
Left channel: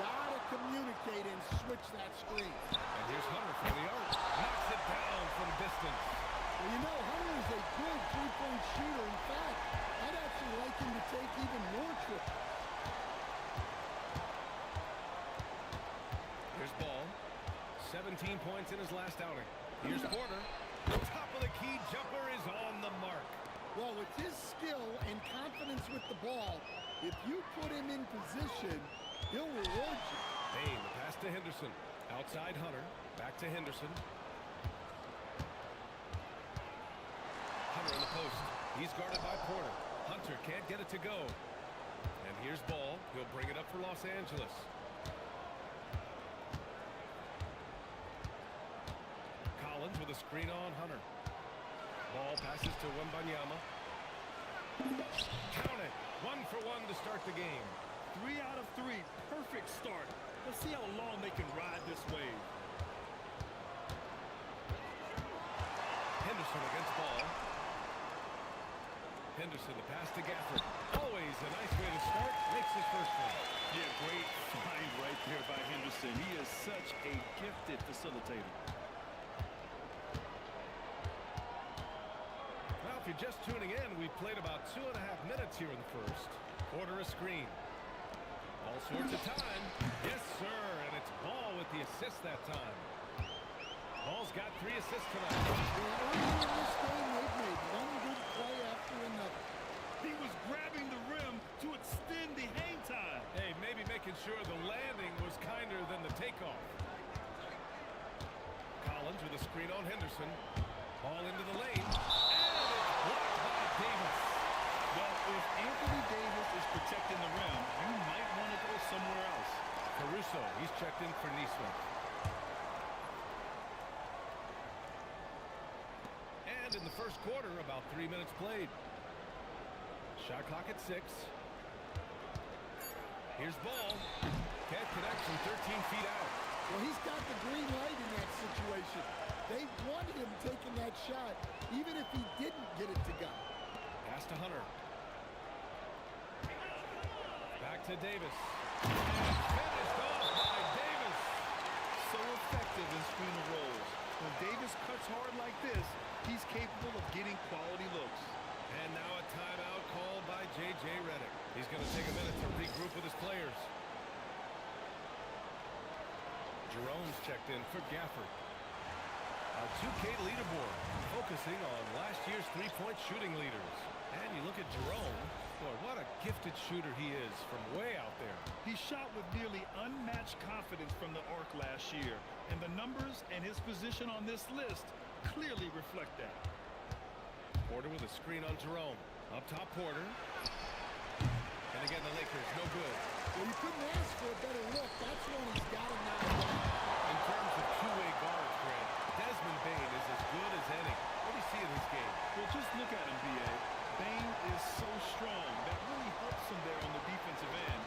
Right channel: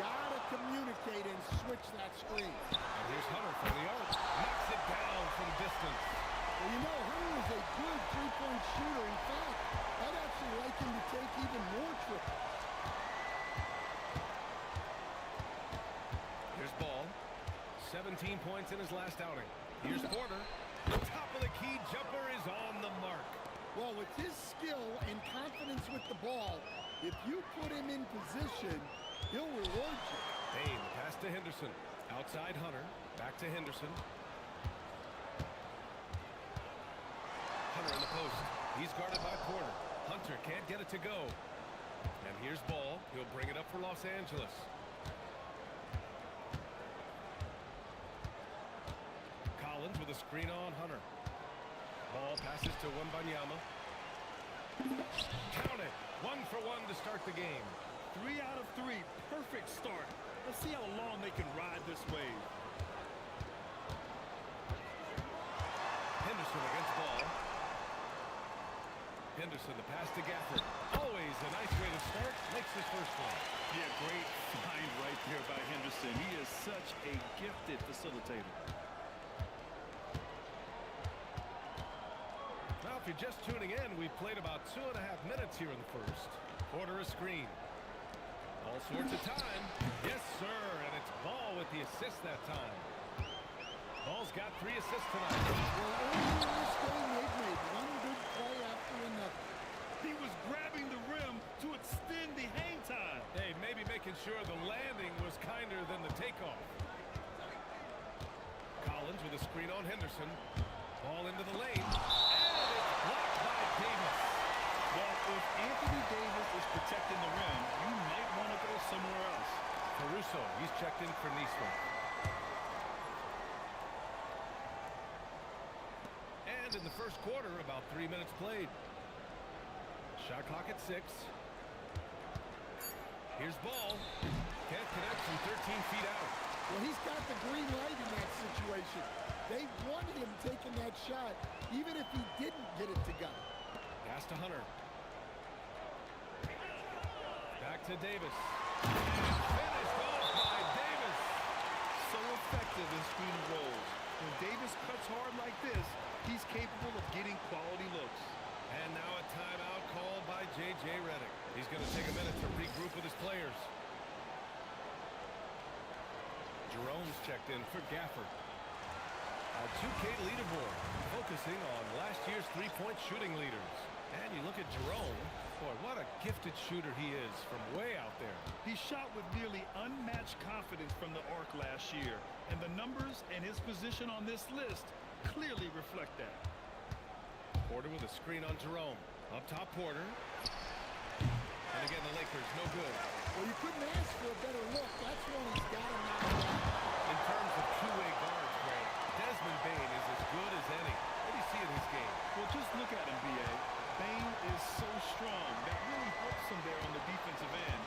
Gotta communicate and switch that screen. And here's Hunter from the arc. Knocks it down from distance. Well, you know, Hunter is a good three-point shooter. In fact, I'd actually like him to take even more triples. Here's Ball. 17 points in his last outing. Here's Porter. The top of the key jumper is on the mark. Well, with his skill and confidence with the ball, if you put him in position, he'll reward you. Bain, the pass to Henderson. Outside Hunter. Back to Henderson. Hunter in the post. He's guarded by Porter. Hunter can't get it to go. And here's Ball. He'll bring it up for Los Angeles. Collins with a screen on Hunter. Ball passes to Wembanyama. Count it. 1 for 1 to start the game. 3 out of 3. Perfect start. Let's see how long they can ride this wave. Henderson against Ball. Henderson, the pass to Gafford. Always a nice way to start. Makes his first one. Yeah, great find right there by Henderson. He is such a gifted facilitator. Now, if you're just tuning in, we've played about 2.5 minutes here in the first. Porter a screen. All sorts of time. Yes, sir. And it's Ball with the assist that time. Ball's got 3 assists tonight. Well, early in this game, they've made one good play after another. He was grabbing the rim to extend the hang time. Hey, maybe making sure the landing was kinder than the takeoff. Collins with a screen on Henderson. Ball into the lane. And it's blocked by Davis. Well, if Anthony Davis is protecting the rim, you might want to go somewhere else. Caruso, he's checked in for Neesmith. And in the first quarter, about 3 minutes played. Shot clock at 6. Here's Ball. Can't connect from 13 feet out. Well, he's got the green light in that situation. They want him taking that shot, even if he didn't get it to go. Pass to Hunter. Back to Davis. And finished off by Davis. So effective in screen and rolls. When Davis cuts hard like this, he's capable of getting quality looks. And now a timeout called by J.J. Redick. He's going to take a minute to regroup with his players. Jerome's checked in for Gafford. Our 2K leaderboard, focusing on last year's three-point shooting leaders. And you look at Jerome, boy, what a gifted shooter he is from way out there. He shot with nearly unmatched confidence from the arc last year, and the numbers and his position on this list clearly reflect that. Porter with a screen on Jerome. Up top, Porter. And again, the Lakers, no good. Well, you couldn't ask for a better look. That's one he's got to knock down. In terms of two-way guards, Grant, Desmond Bain is as good as any. What do you see in his game? Well, just look at him, B.A. Bain is so strong. That really helps him there on the defensive end.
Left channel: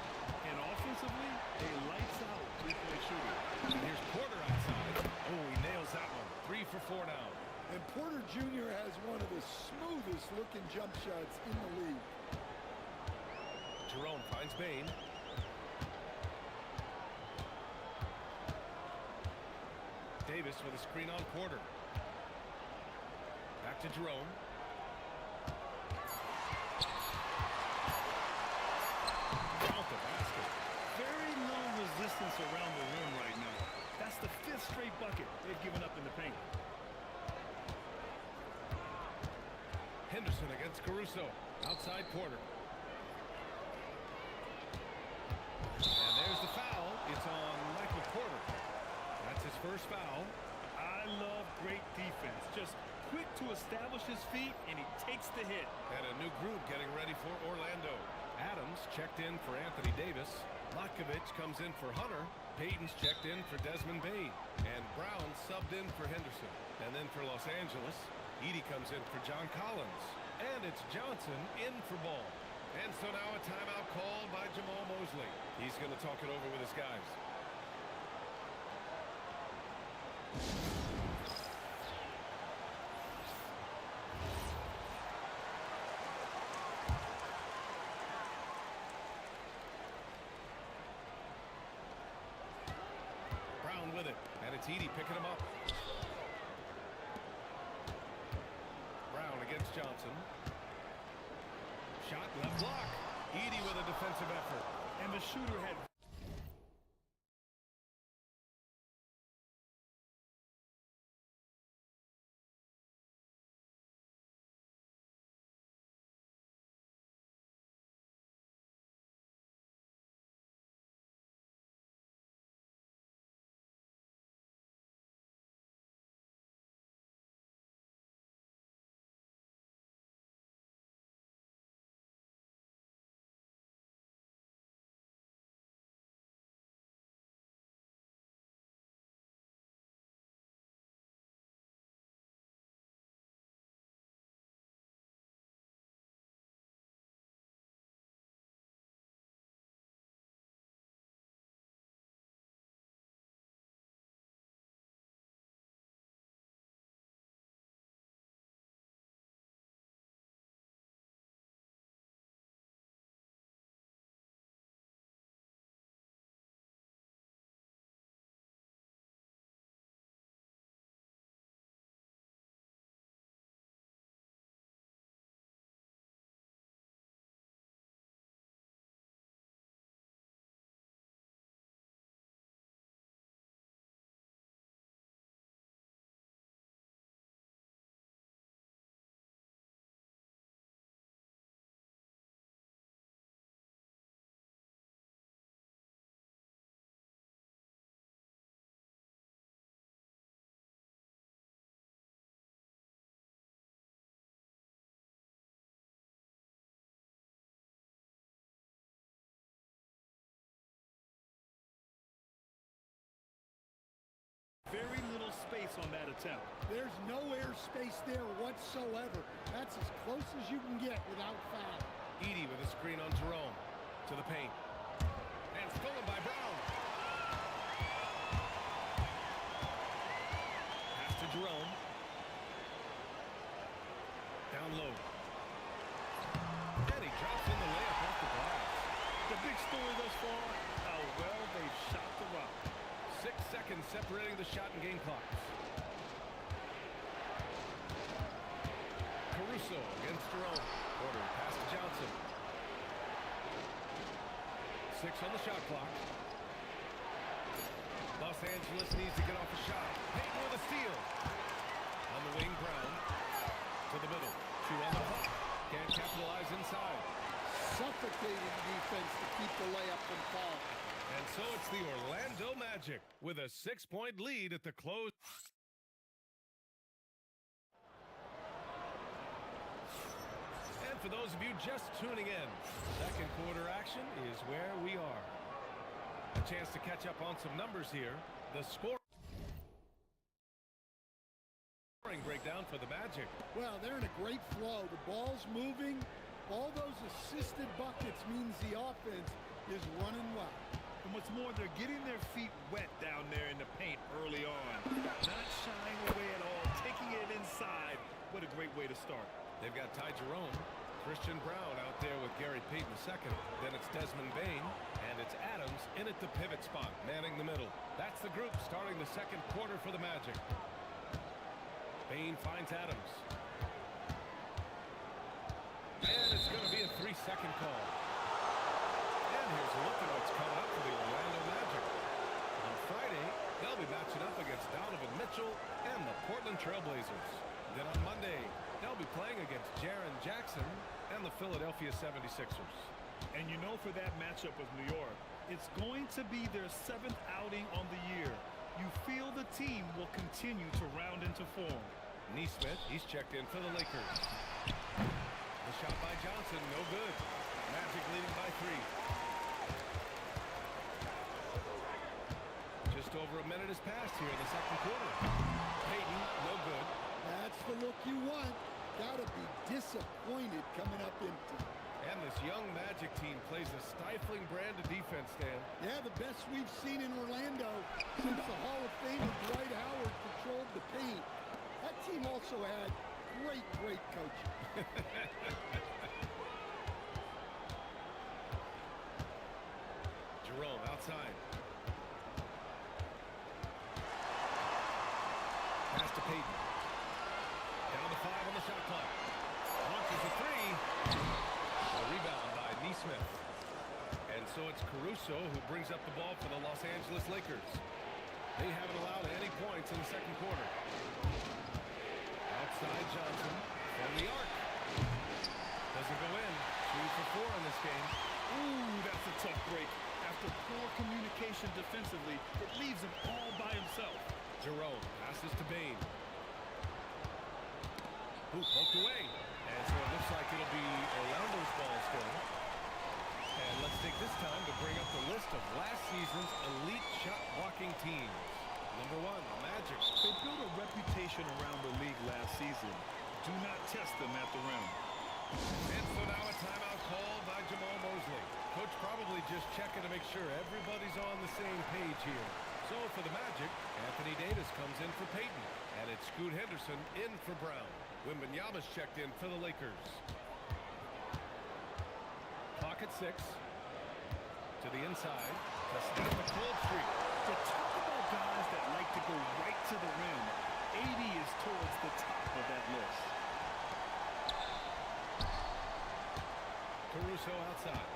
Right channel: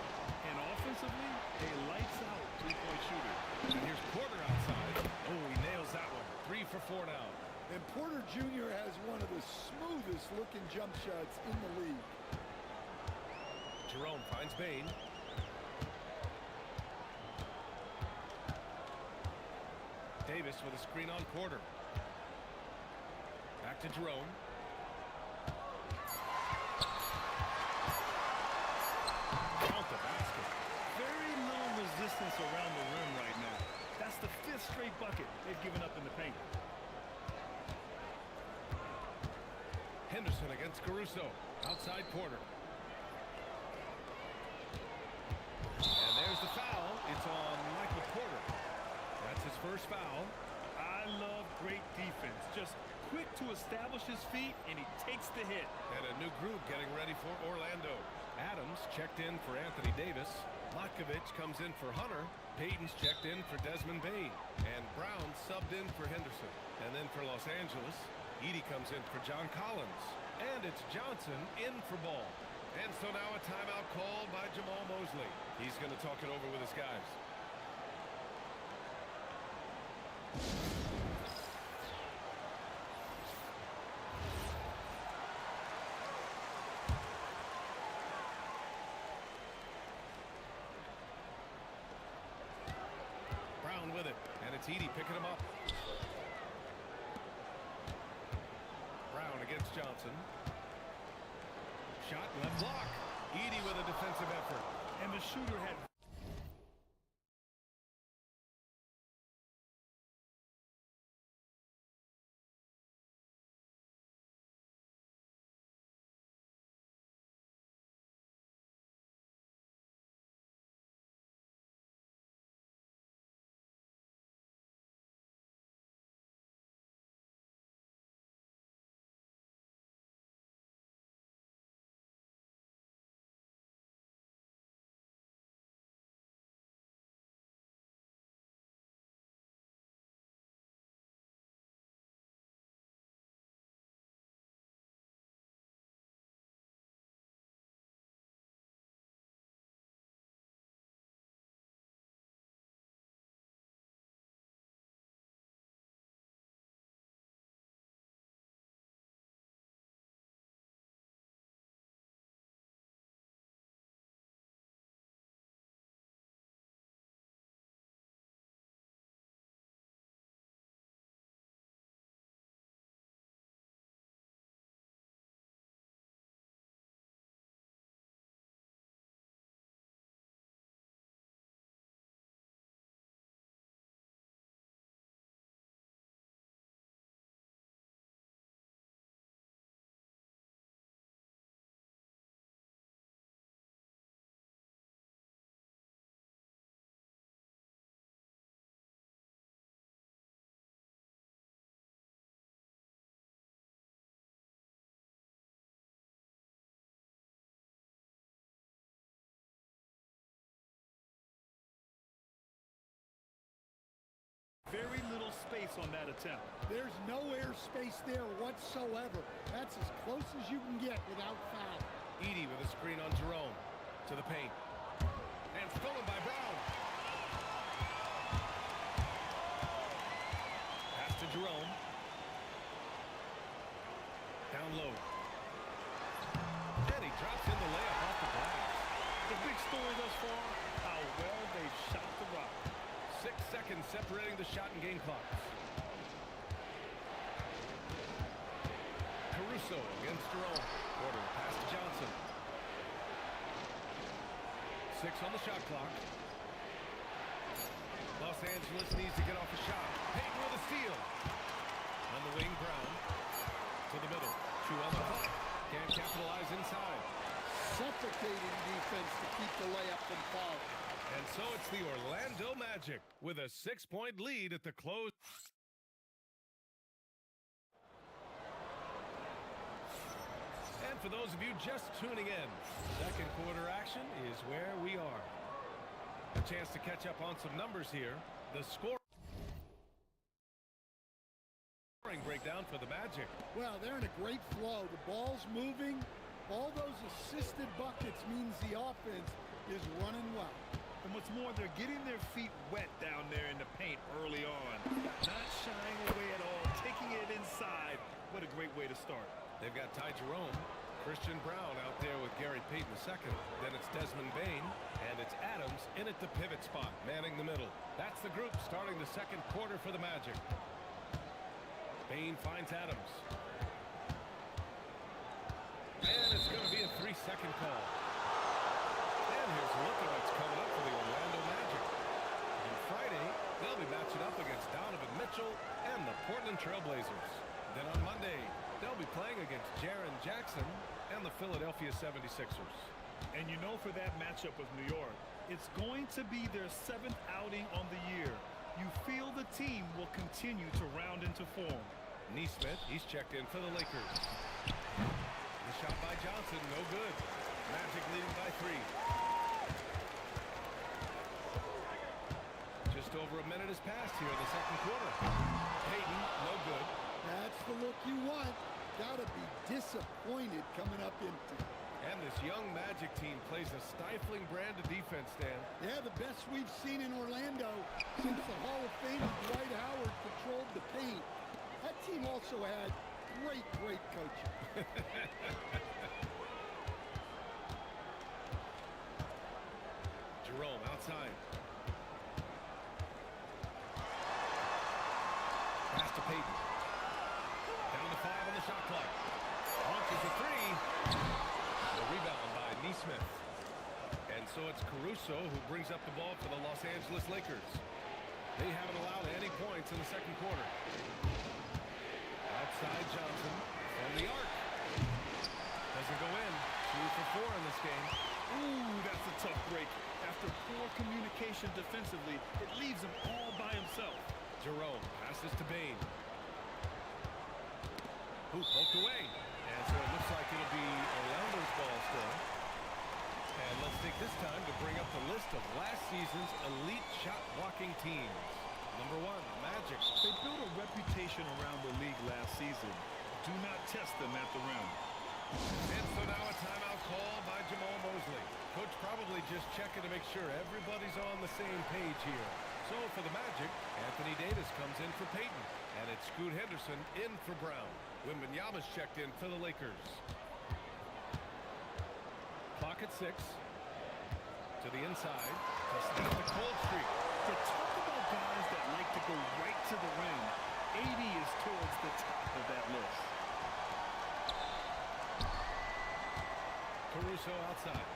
And offensively, a lights-out three-point shooter. And here's Porter outside. Oh, he nails that one. 3 for 4 now. And Porter Jr. has one of the smoothest-looking jump shots in the league. Jerome finds Bain. Davis with a screen on Porter. Back to Jerome. Count the basket. Very little resistance around the rim right now. That's the 5th straight bucket they've given up in the paint. Henderson against Caruso. Outside Porter. And there's the foul. It's on Michael Porter. That's his first foul. I love great defense. Just quick to establish his feet, and he takes the hit. And a new group getting ready for Orlando. Adams checked in for Anthony Davis. Matkovic comes in for Hunter. Payton's checked in for Desmond Bain. And Brown subbed in for Henderson. And then for Los Angeles, Edey comes in for John Collins. And it's Johnson in for Ball. And so now a timeout called by Jamal Mosley. He's going to talk it over with his guys. Brown with it, and it's Edey picking him up. Brown against Johnson. Shot left block. Edey with a defensive effort. And the shooter had very little space on that attempt. There's no air space there whatsoever. That's as close as you can get without foul. Edey with a screen on Jerome. To the paint. And stolen by Brown. Pass to Jerome. Down low. And he drops in the layup off the glass. The big story thus far, how well they've shot the rock. 6 seconds separating the shot and game clocks. Caruso against Jerome. Porter pass to Johnson. 6 on the shot clock. Los Angeles needs to get off a shot. Payton with a steal. On the wing, Brown. To the middle. 2 on the clock. Can't capitalize inside. Suffocating defense to keep the layup from falling. And so it's the Orlando Magic with a 6-point lead at the close. And for those of you just tuning in, second quarter action is where we are. A chance to catch up on some numbers here. The scoring breakdown for the Magic. Well, they're in a great flow. The ball's moving. All those assisted buckets means the offense is running well. And what's more, they're getting their feet wet down there in the paint early on. Not shying away at all, taking it inside. What a great way to start. They've got Ty Jerome, Christian Brown out there with Gary Payton II. Then it's Desmond Bain, and it's Adams in at the pivot spot, manning the middle. That's the group starting the second quarter for the Magic. Bain finds Adams. And it's going to be a 3-second call. And here's a look at what's coming up for the Orlando Magic. On Friday, they'll be matching up against Donovan Mitchell and the Portland Trail Blazers. Then on Monday, they'll be playing against Jaren Jackson and the Philadelphia 76ers. And you know, for that matchup with New York, It's going to be their 7th outing on the year. You feel the team will continue to round into form. Neesmith, he's checked in for the Lakers. The shot by Johnson, no good. Magic leading by 3. Just over a minute has passed here in the second quarter. Payton, no good. That's the look you want. Gotta be disappointed coming up empty. And this young Magic team plays a stifling brand of defense, Dan. Yeah, the best we've seen in Orlando since the Hall of Famer Dwight Howard patrolled the paint. That team also had great coaching. Jerome outside. Pass to Payton. Down to 5 on the shot clock. Launches a 3. A rebound by Neesmith. And so it's Caruso who brings up the ball for the Los Angeles Lakers. They haven't allowed any points in the second quarter. Outside Johnson from the arc. Doesn't go in. 2 for 4 in this game. Ooh, that's a tough break. After poor communication defensively, it leaves him all by himself. Jerome passes to Bane. Who poked away. And so it looks like it'll be Orlando's ball still. And let's take this time to bring up the list of last season's elite shot blocking teams. Number 1, the Magic. They built a reputation around the league last season. Do not test them at the rim. And so now a timeout called by Jamal Mosley. Coach probably just checking to make sure everybody's on the same page here. So for the Magic, Anthony Davis comes in for Payton. And it's Scoot Henderson in for Brown. Wembanyama's checked in for the Lakers. Clock at 6. To the inside. To snap the cold streak. You talk about guys that like to go right to the rim. 80 is towards the top of that list. Caruso outside.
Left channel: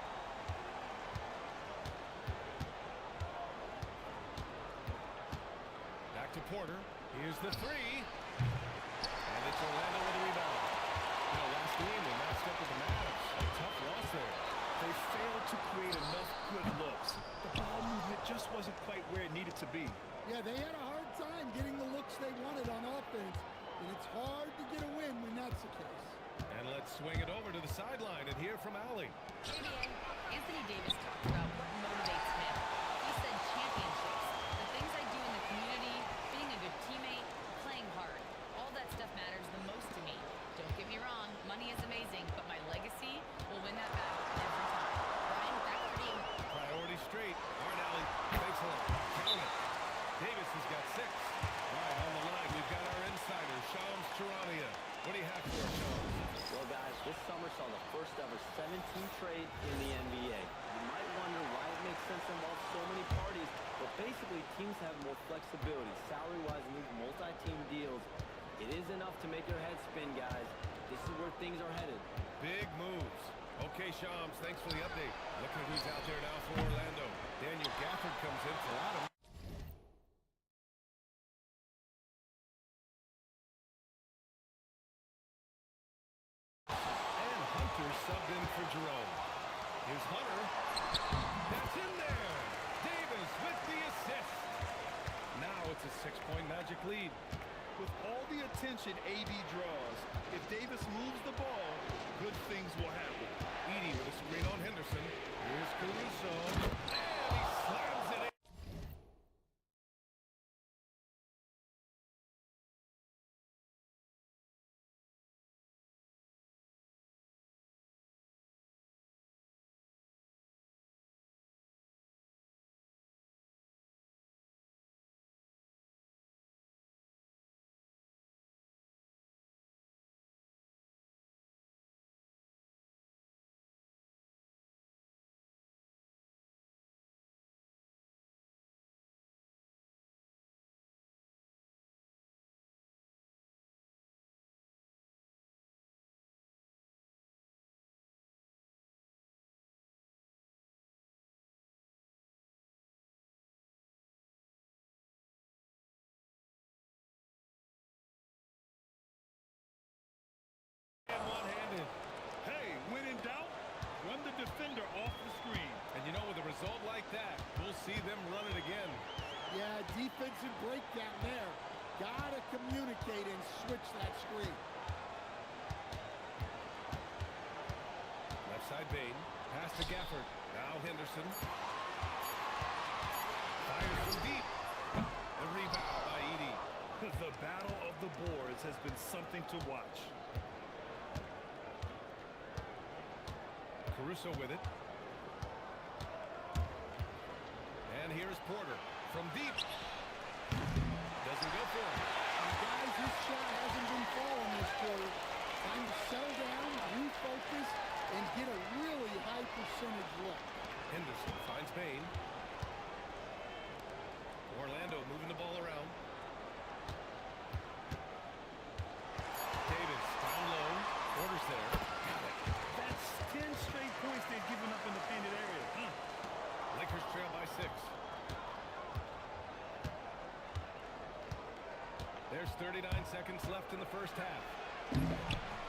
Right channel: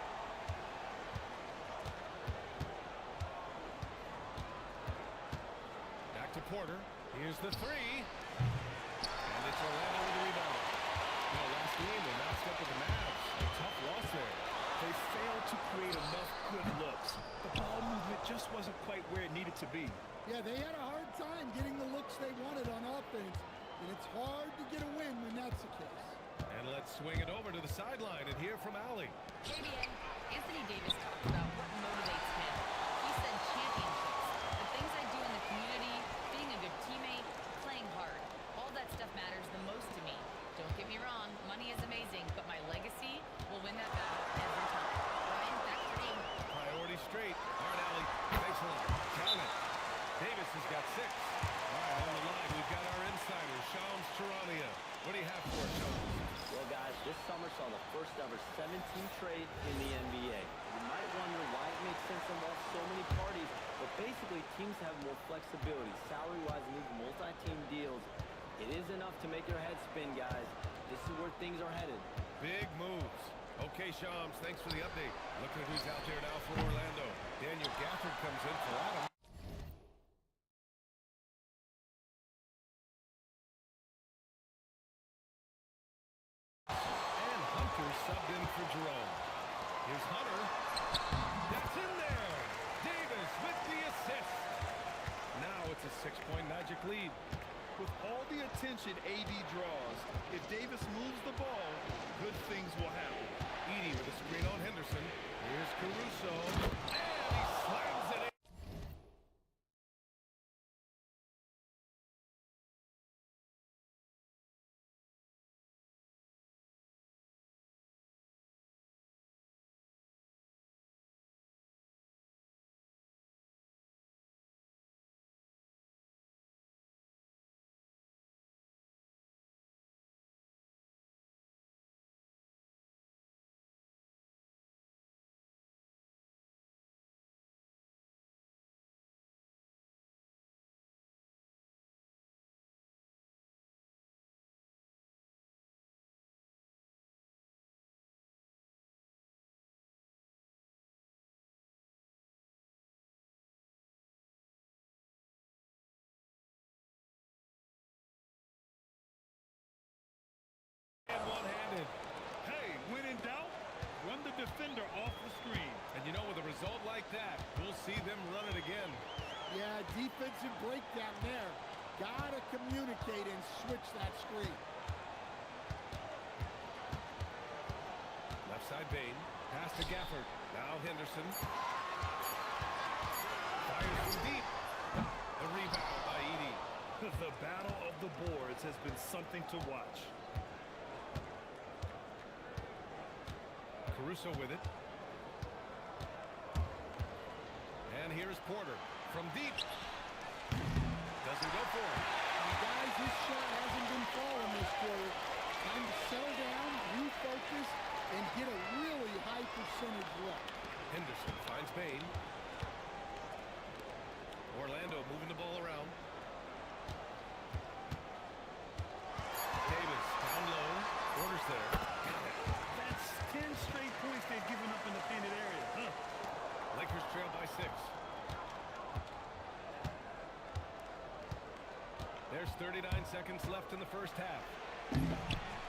Back to Porter. Here's the 3. And it's Orlando with a rebound. You know, last game they matched up with the Mavs. A tough loss there. They failed to create enough good looks. The ball movement just wasn't quite where it needed to be. Yeah, they had a hard time getting the looks they wanted on offense, and it's hard to get a win when that's the case. And let's swing it over to the sideline and hear from Allie. KBA, Anthony Davis talked about what motivates him. He said championships, the things I do in the community, being a good teammate, playing hard. All that stuff matters the most to me. Don't get me wrong, money is amazing, but my legacy will win that battle every time. Brian, back over to you. Priority straight. All right, Allie. Thanks a lot. Count it. Davis has got 6. All right, on the line, we've got our insider, Shams Charania. What do you have for us, Shams? Well, guys, this summer saw the first ever 17 trade in the NBA. You might wonder why it makes sense to involve so many parties, but basically teams have more flexibility salary-wise in these multi-team deals. It is enough to make your head spin, guys. This is where things are headed. Big moves. Okay, Shams, thanks for the update. Looking at who's out there now for Orlando. Daniel Gafford comes in for Adam. And Hunter subbed in for Jerome. Here's Hunter. That's in there. Davis with the assist. Now it's a 6-point Magic lead. With all the attention AD draws, if Davis moves the ball, good things will happen. Edey with a screen on Henderson. Here's Caruso. And he slams it in. And one-handed. Hey, when in doubt, Run the defender off the screen. And you know, with a result like that, we'll see them run it again. Yeah, defensive breakdown there. Gotta communicate and switch that screen. Left side Bain. Pass to Gafford. Now Henderson. Fires from deep. The rebound by Edey. The battle of the boards has been something to watch. Caruso with it. And here's Porter from deep. Doesn't go for him. And guys, this shot hasn't been falling this quarter. Time to settle down, refocus, and get a really high percentage look. Henderson finds Bain. Orlando moving the ball around. Davis down low. Porter's there. Got it. That's 10 straight points they've given up in the painted area. Huh? Lakers trail by 6. There's 39 seconds left in the first half.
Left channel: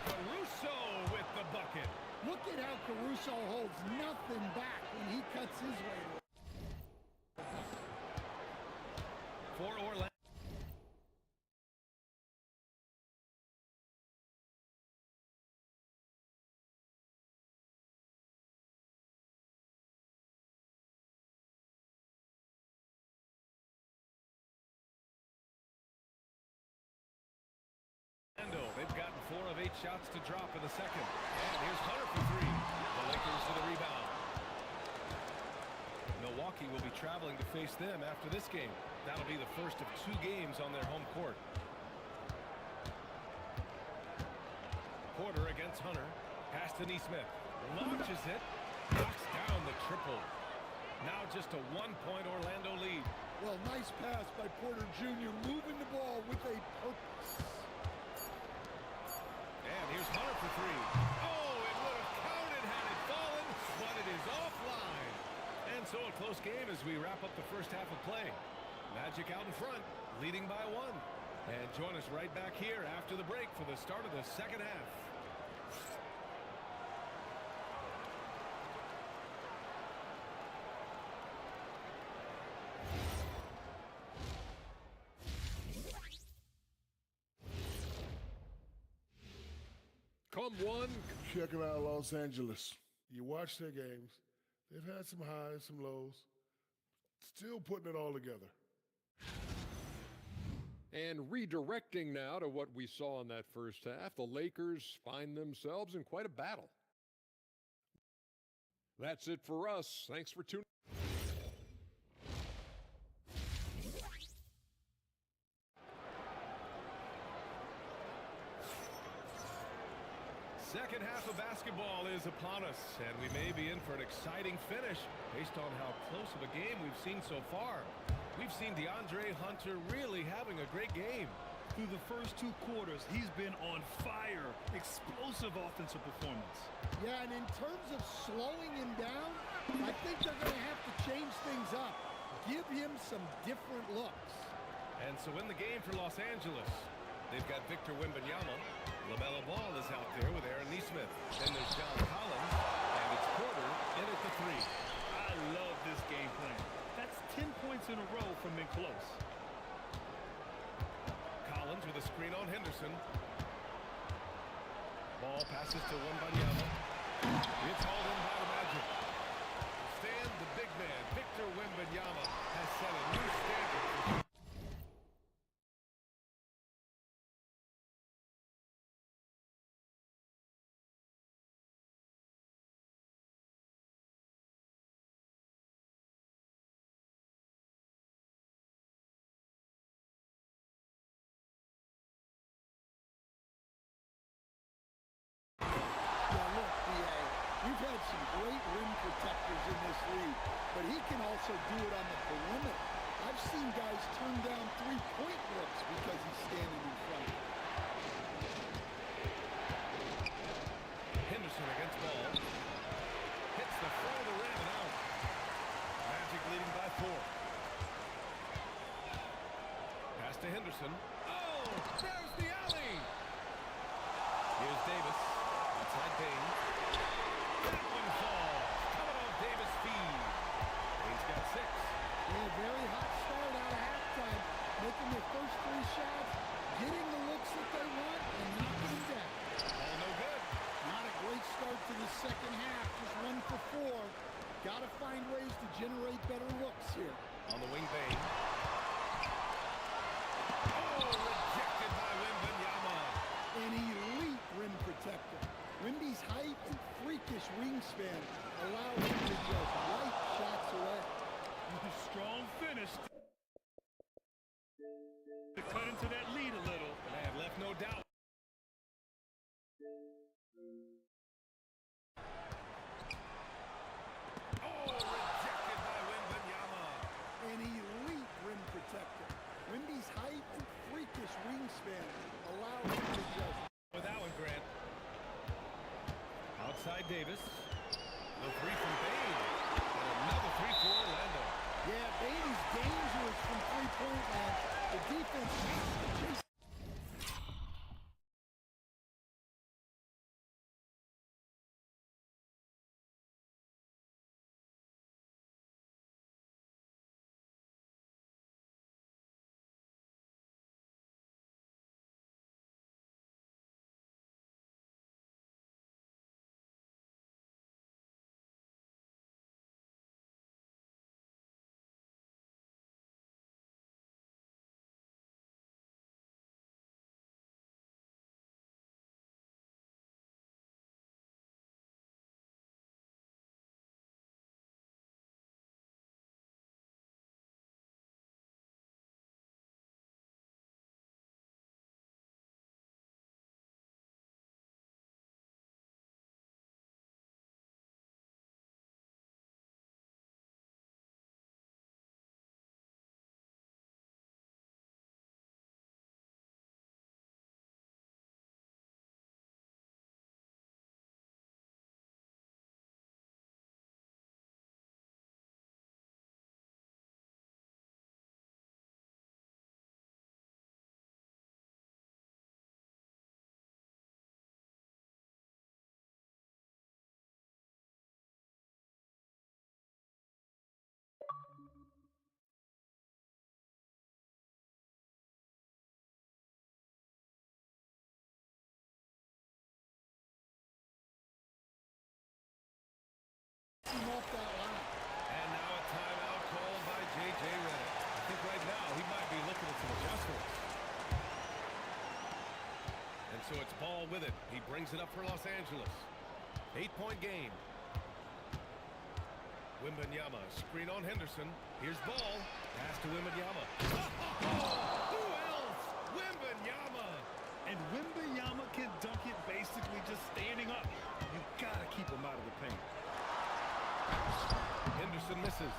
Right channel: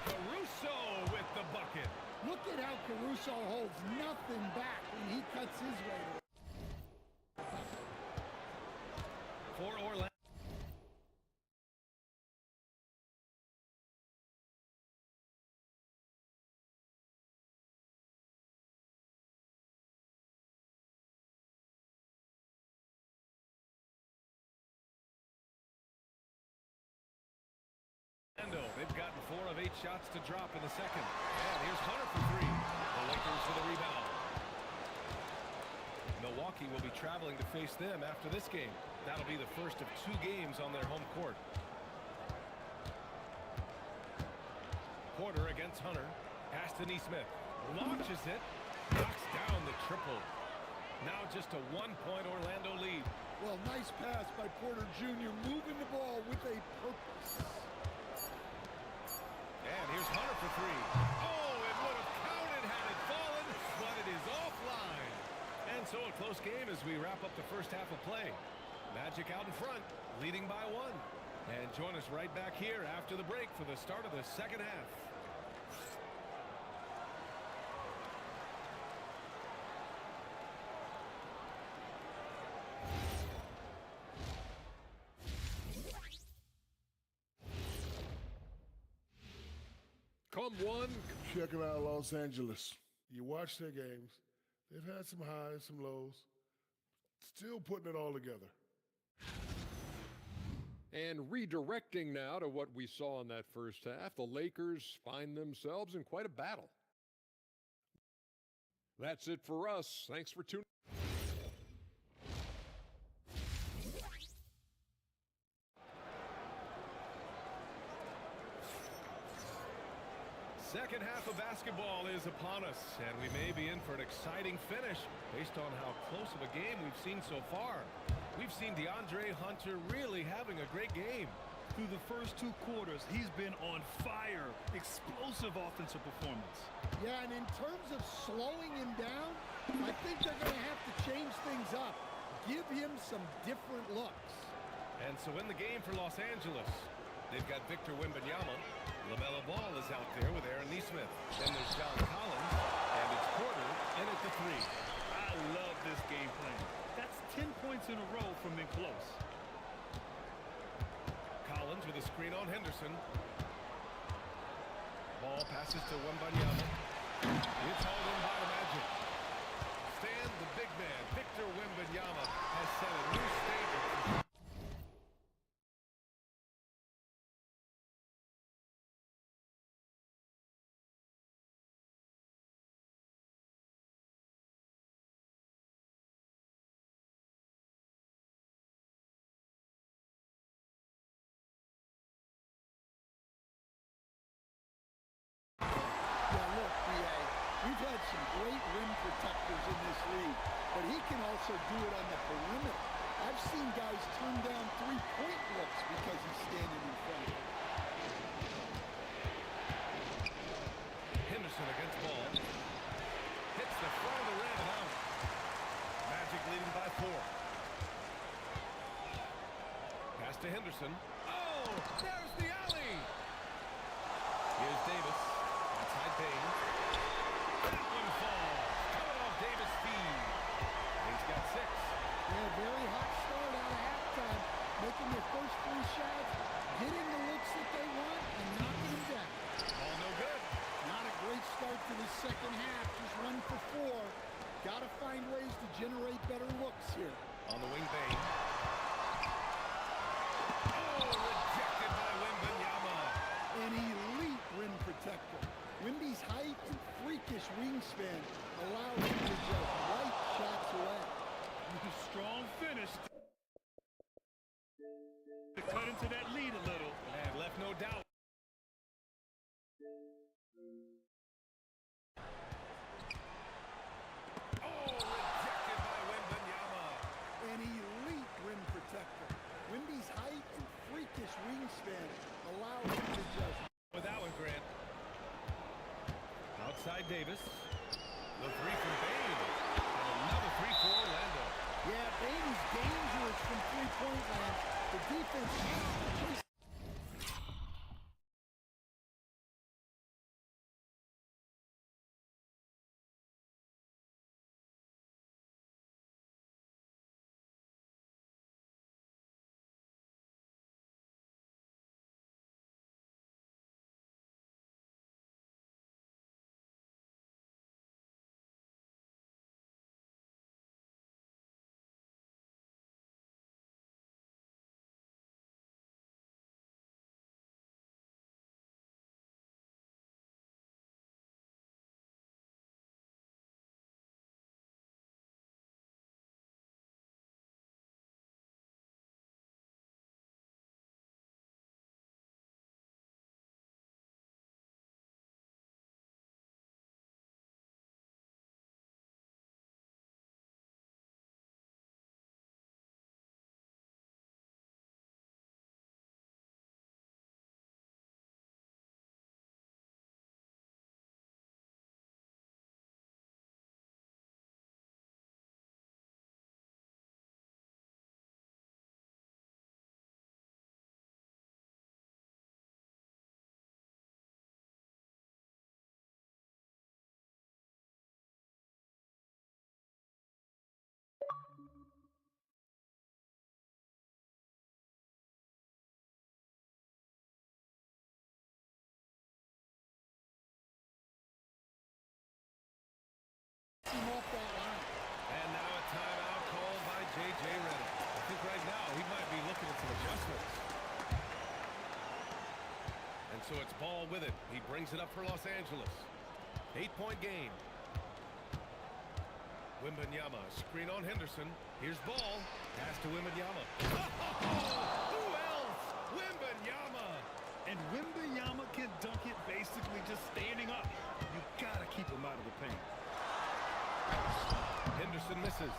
Caruso with the bucket. Look at how Caruso holds nothing back when he cuts his way to it. For Orlando. They've gotten 4 of 8 shots to drop in the second. And here's Hunter for 3. The Lakers for the rebound. Milwaukee will be traveling to face them after this game. That'll be the first of 2 games on their home court. Porter against Hunter. Pass to Neesmith. Launches it. Knocks down the triple. Now just a 1-point Orlando lead. Well, nice pass by Porter Jr. moving the ball with a purpose. And here's Hunter for 3. Oh, it would have counted had it fallen, but it is offline. And so a close game as we wrap up the first half of play. Magic out in front, leading by 1. And join us right back here after the break for the start of the second half. Come one. Checking out Los Angeles. You watch their games. They've had some highs, some lows. Still putting it all together. And redirecting now to what we saw in that first half, the Lakers find themselves in quite a battle. That's it for us. Thanks for tuning in. Second half of basketball is upon us, and we may be in for an exciting finish based on how close of a game we've seen so far. We've seen DeAndre Hunter really having a great game. Through the first 2 quarters, he's been on fire. Explosive offensive performance. Yeah, and in terms of slowing him down, I think they're going to have to change things up. Give him some different looks. And so in the game for Los Angeles, they've got Victor Wembanyama. LaMelo Ball is out there with Aaron Neesmith. Then there's John Collins, and it's Porter in at the 3. I love this game plan. That's 10 points in a row from being close. Collins with a screen on Henderson. Ball passes to Wembanyama. It's hauled in by the Magic. Stan, the big man, Victor Wembanyama, has set a new standard for shot. Look, B.A., we've had some great rim protectors in this league, but he can also do it on the perimeter. I've seen guys turn down 3-point looks because he's standing in front of them. Henderson against Ball. Hits the front of the rim and out. Magic leading by 4. Pass to Henderson. Oh, there's the alley. Here's Davis. Outside Bain. That one falls. Coming off Davis' feed. Bain's got 6. Yeah, very hot start out of halftime, making their first 3 shots, getting the looks that they want, and knocking them down. Ball no good. Not a great start to the second half, just 1 for 4. Got to find ways to generate better looks here. On the wing, Bain. Oh, rejected by Wembanyama. An elite rim protector. Wemby's height and freakish wingspan allow him to just wipe shots away. Strong finish to cut into that lead a little. And I have left no doubt. Oh, rejected by Wembanyama. An elite rim protector. Wemby's height and freakish wingspan allow him to just... With that one, Grant. Outside Davis. The 3 from Bain. And another 3 for Orlando. Yeah, Bain is dangerous from three-point land. The defense has to chase... him off that line. And now a timeout called by J.J. Redick. I think right now he might be looking at some adjustments. And so it's Ball with it. He brings it up for Los Angeles. 8-point game. Wembanyama, screen on Henderson. Here's Ball. Pass to Wembanyama. Oh, who else? Wembanyama. And Wembanyama can dunk it basically just standing up. You got to keep him out of the paint. Henderson misses.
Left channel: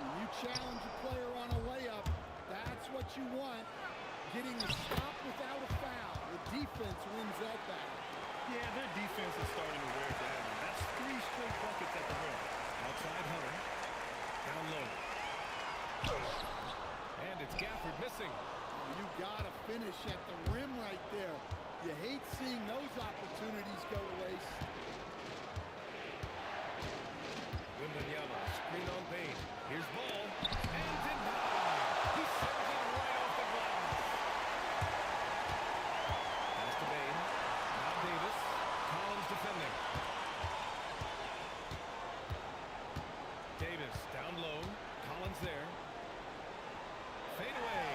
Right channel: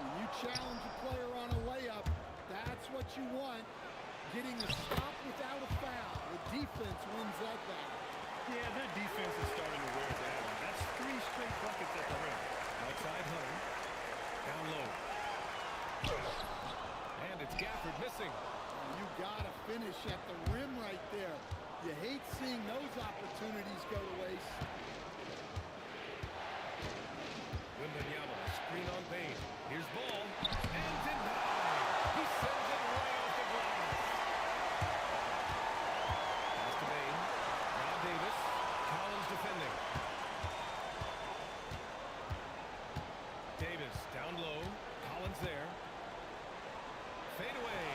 When you challenge a player on a layup, that's what you want. Getting a stop without a foul. The defense wins that battle. Yeah, their defense is starting to wear down. That's 3 straight buckets at the rim. Outside Hunter. Down low. And it's Gafford missing. Oh, you gotta finish at the rim right there. You hate seeing those opportunities go to waste. Wembanyama, screen on Bain. Here's Ball. And denied. He sends it right off the glass. Pass to Bain. Now Davis. Collins defending. Davis down low. Collins there. Fade away.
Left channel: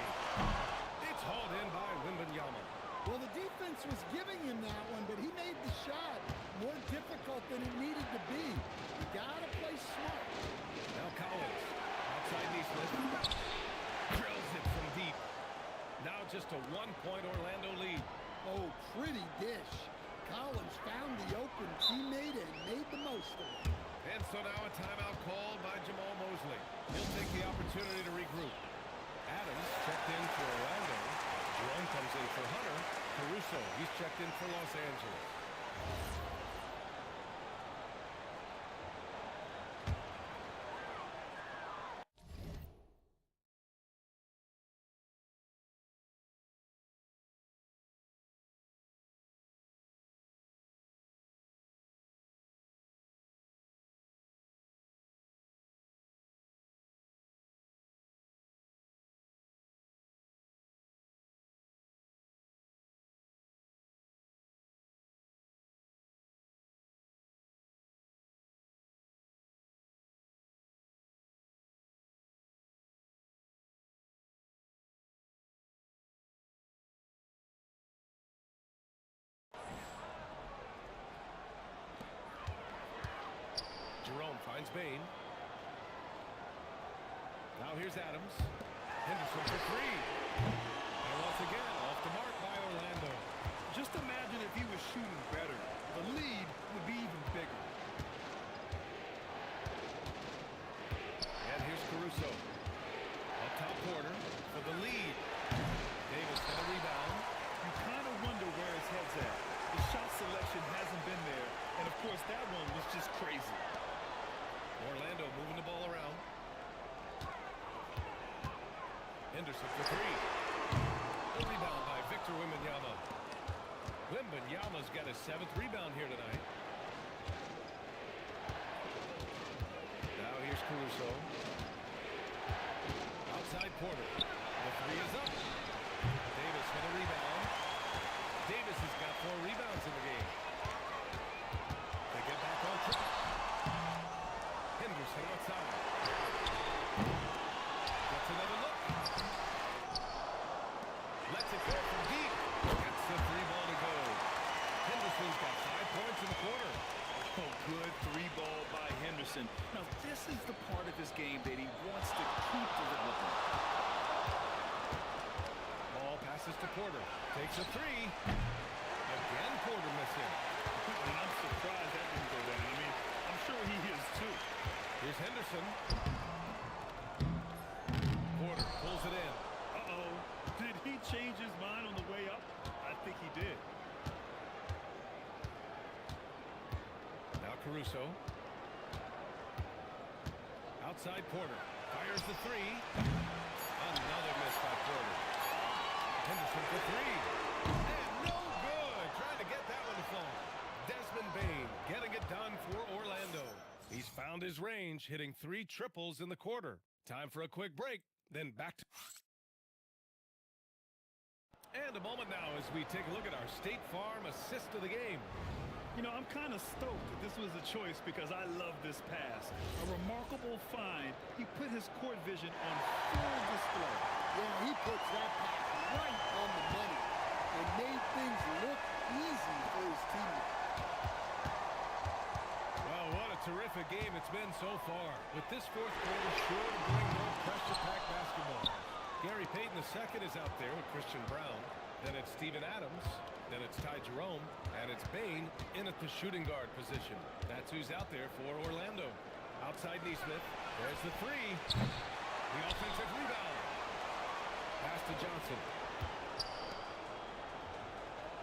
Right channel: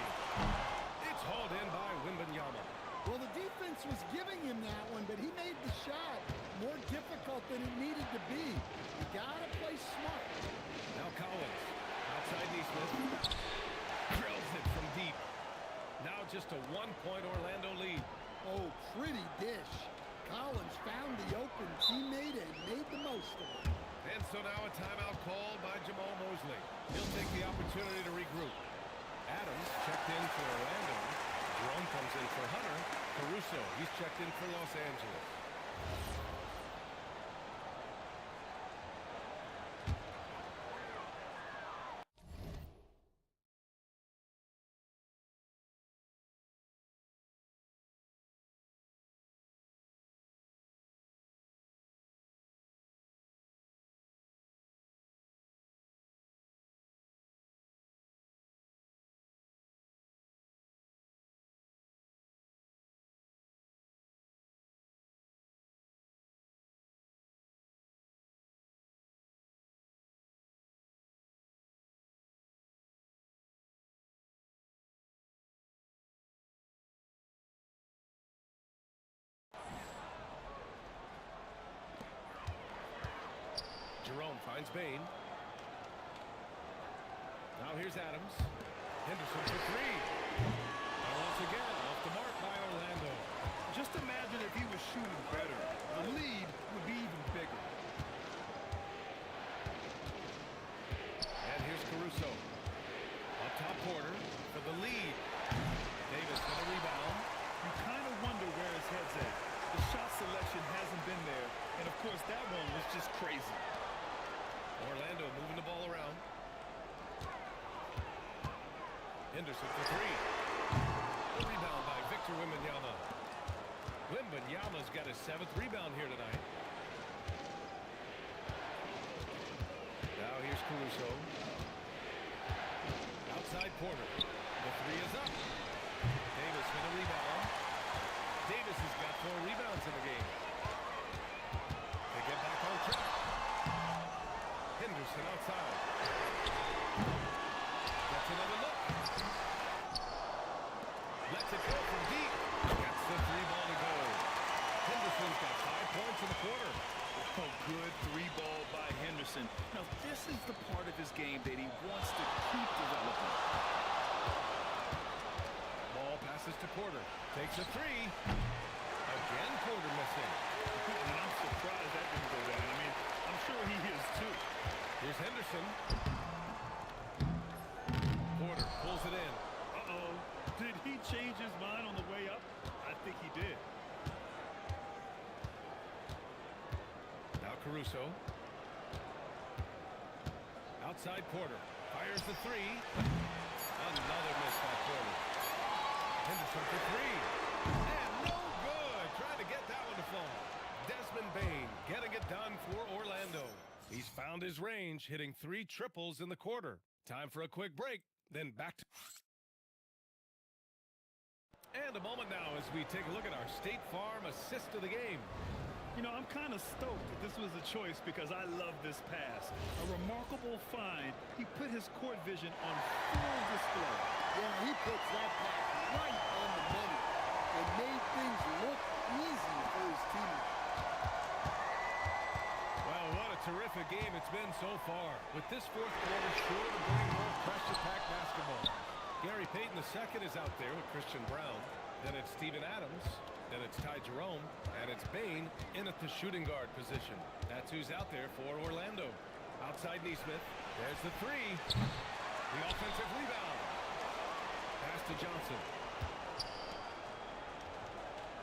It's hauled in by Wembanyama. Well, the defense was giving him that one, but he made the shot more difficult than it needed to be. You gotta play smart. Now Collins. Outside Neesmith. Drills it from deep. Now just a 1-point Orlando lead. Oh, pretty dish. Collins found the open teammate and made the most of it. And so now a timeout called by Jamal Mosley. He'll take the opportunity to regroup. Adams checked in for Orlando. Jerome comes in for Hunter. Caruso, he's checked in for Los Angeles. Jerome finds Bain. Now here's Adams. Henderson for three. And once again, off the mark by Orlando. Just imagine if he was shooting better. The lead would be even bigger. And here's Caruso. Up top, Porter for the lead. Davis with a rebound. You kind of wonder where his head's at. The shot selection hasn't been there. And, of course, that one was just crazy. Orlando moving the ball around. Henderson for three. The rebound by Victor Wembanyama. Wembanyama's got his 7th rebound here tonight. Now here's Caruso. Outside Porter. The three is up. Davis with a rebound. Davis has got 4 rebounds in the game. They get back on track. Henderson outside. Gets another look. Lets it go from deep. Gets the 3-ball to go. Henderson's got 5 points in the quarter. Oh, good 3-ball by Henderson. Now, this is the part of his game that he wants to keep developing. Ball passes to Porter. Takes a 3. Again, Porter missing. And I'm surprised that didn't go down. I mean, I'm sure he is too. Here's Henderson. Porter pulls it in. Uh-oh. Did he change his mind on the way up? I think he did. Now Caruso. Outside Porter. Fires the 3. Another miss by Porter. Henderson for 3. And no good. Trying to get that one to fall. Desmond Bain getting it done for Orlando. He's found his range, hitting 3 triples in the quarter. Time for a quick break, then back to... And a moment now as we take a look at our State Farm assist of the game. You know, I'm kind of stoked that this was a choice because I love this pass. A remarkable find. He put his court vision on full display. Yeah, he puts that pass right on the money and made things look easy for his teammates. Well, what a terrific game it's been so far. With this 4th quarter sure to bring more pressure-packed basketball. Gary Payton II is out there with Christian Brown. Then it's Steven Adams. Then it's Ty Jerome. And it's Bain in at the shooting guard position. That's who's out there for Orlando. Outside Neesmith. There's the 3. The offensive rebound. Pass to Johnson.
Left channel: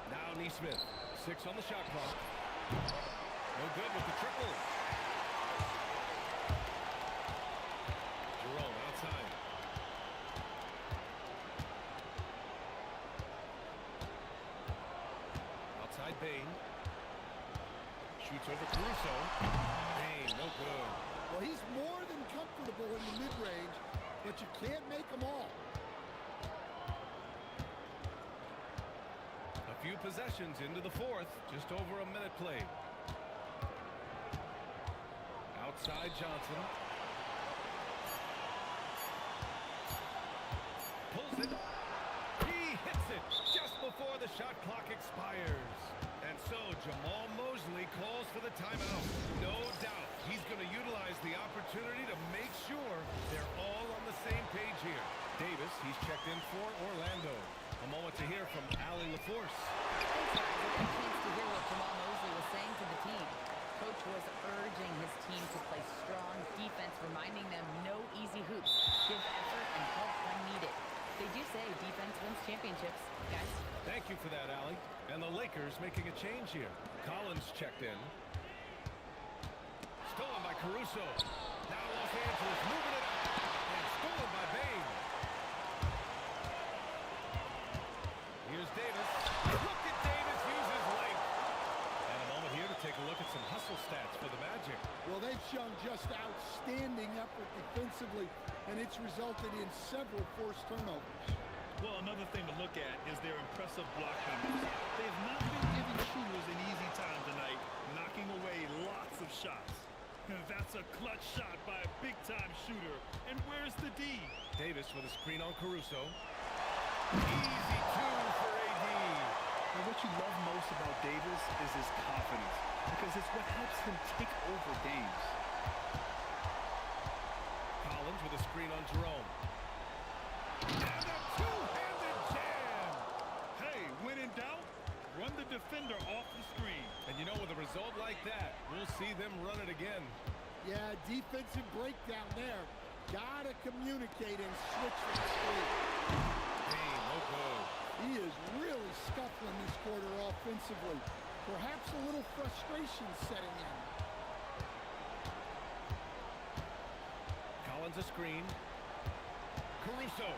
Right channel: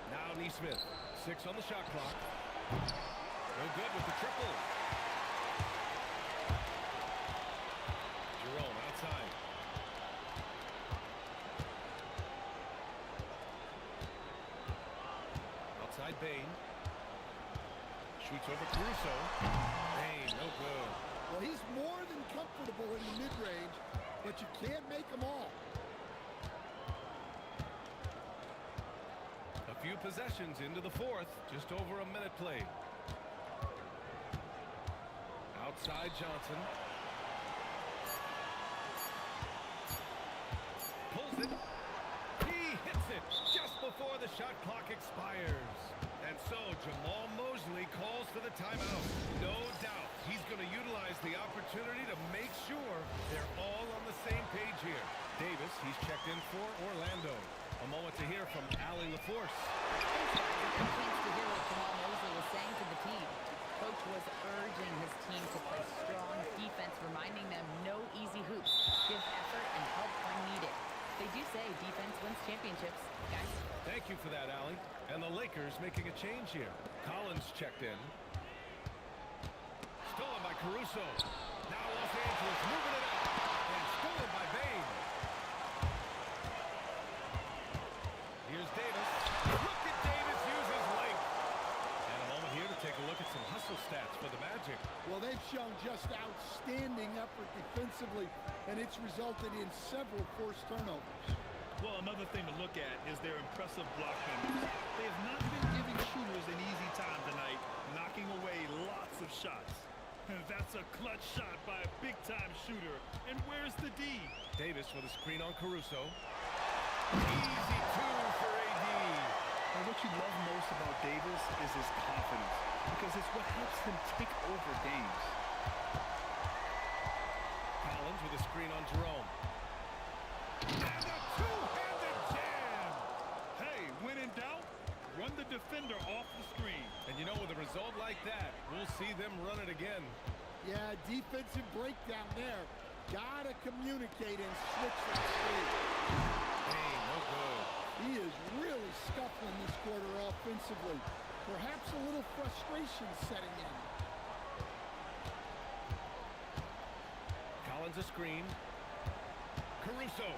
Now Neesmith. 6 on the shot clock. No good with the triple. Jerome outside. Outside Bain. Shoots over Caruso. Bain, no good. Well, he's more than comfortable in the mid-range, but you can't make them all. A few possessions into the 4th. Just over a minute played. Outside Johnson. Pulls it. He hits it just before the shot clock expires. And so Jamal Mosley calls for the timeout. No doubt he's going to utilize the opportunity to make sure they're all on the same page here. Davis, he's checked in for Orlando. A moment to hear from Allie LaForce. Thanks, guys. I got a chance to hear what Jamal Mosley was saying to the team. Coach was urging his team to play strong defense, reminding them no easy hoops. Give effort and help when needed. They do say defense wins championships, guys. Thank you for that, Allie. And the Lakers making a change here. Collins checked in. Stolen by Caruso. Now Los Angeles moving it up. And stolen by Bain. Here's Davis. Look at Davis use his length. And a moment here to take a look at some hustle stats for the Magic. Well, they've shown just outstanding effort defensively, and it's resulted in several forced turnovers. Well, another thing to look at is their impressive block numbers. They have not been giving shooters an easy time tonight, knocking away lots of shots. And that's a clutch shot by a big-time shooter. And where's the D? Davis with a screen on Caruso. Easy 2 for AD. And what you love most about Davis is his confidence, because it's what helps him take over games. Collins with a screen on Jerome. And a two-handed jam. Hey, when in doubt, run the defender off the screen. And you know, with a result like that, we'll see them run it again. Yeah, defensive breakdown there. Gotta communicate and switch that screen. Hey, no good. He is really scuffling this quarter offensively. Perhaps a little frustration setting in. Collins a screen. Caruso.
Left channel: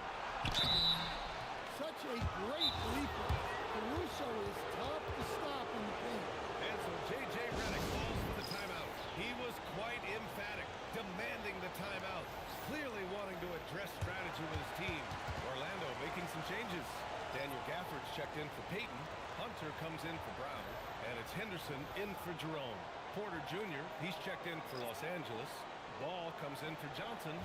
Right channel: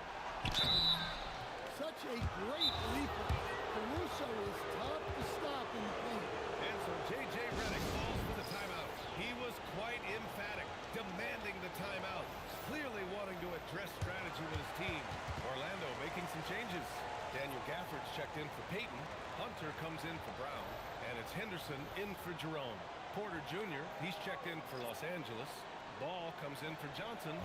Such a great leaper. Caruso is tough to stop in the paint. And so J.J. Redick falls for the timeout. He was quite emphatic, demanding the timeout, clearly wanting to address strategy with his team. Orlando making some changes. Daniel Gafford's checked in for Peyton. Hunter comes in for Brown. And it's Henderson in for Jerome. Porter Jr., he's checked in for Los Angeles. Ball comes in for Johnson.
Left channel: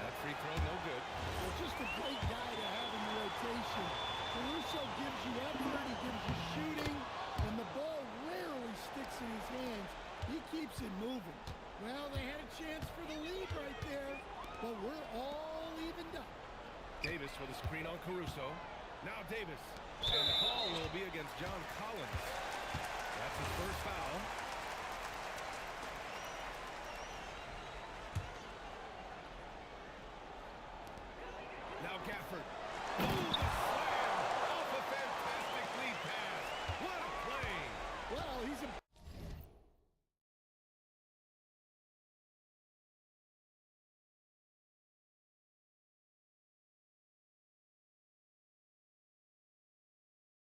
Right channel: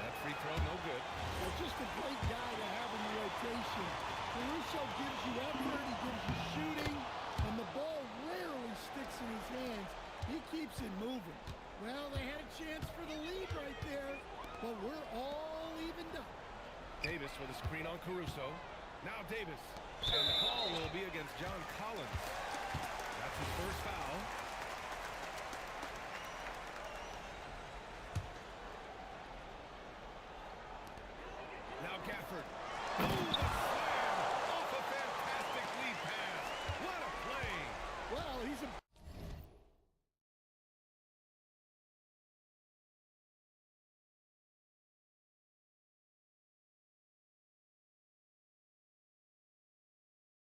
That free throw, no good. Well, just a great guy to have in the rotation. Caruso gives you effort, he gives you shooting, and the ball rarely sticks in his hands. He keeps it moving. Well, they had a chance for the lead right there, but we're all evened up. Davis with a screen on Caruso. Now Davis. And the call will be against John Collins. That's his first foul. Now Gafford. Oh, the slam! Off a fantastic lead pass. What a play! Well, he's a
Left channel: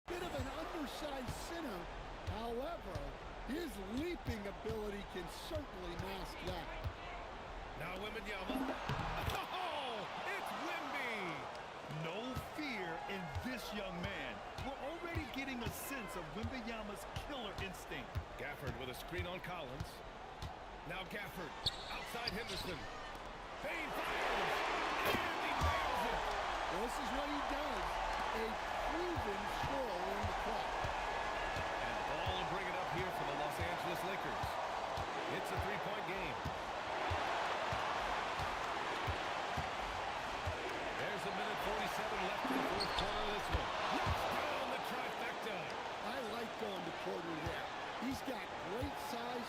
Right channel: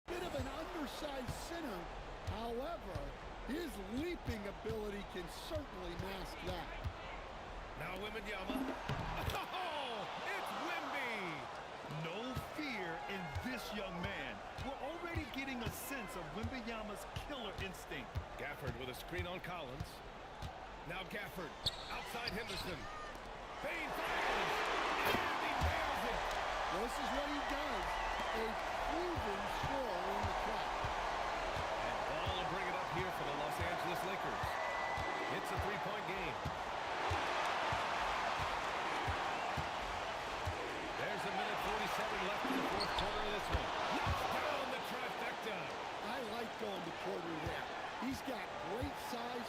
bit of an undersized center. However, his leaping ability can certainly mask that. Now Wembanyama. Oh, it's Wemby! No fear in this young man. We're already getting a sense of Wembanyama's killer instinct. Gafford with a screen on Collins. Now Gafford. Outside Henderson. Bain fires! And he nails it! Well, this is what he does. A proven scorer in the club. And Ball will bring it up here for the Los Angeles Lakers. It's a three-point game. There's a minute 47 left in the fourth quarter of this one. Knocks down the trifecta. I like going to Porter there. He's got great size.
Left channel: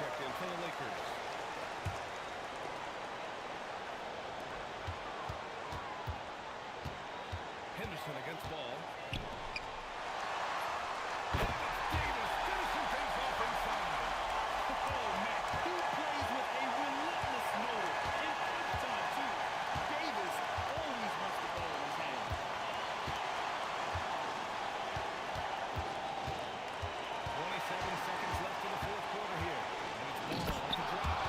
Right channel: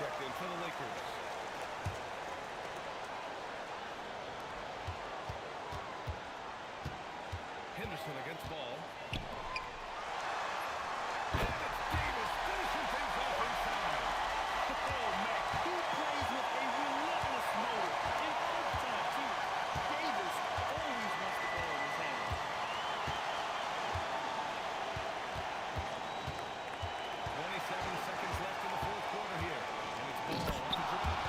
checked in for the Lakers. Henderson against ball. And it's Davis finishing things off inside. Oh, Mac, he plays with a relentless motor. In crunch time, too. Davis always wants the ball in his hand. 27 seconds left in the fourth quarter here. And it's ball off the drive.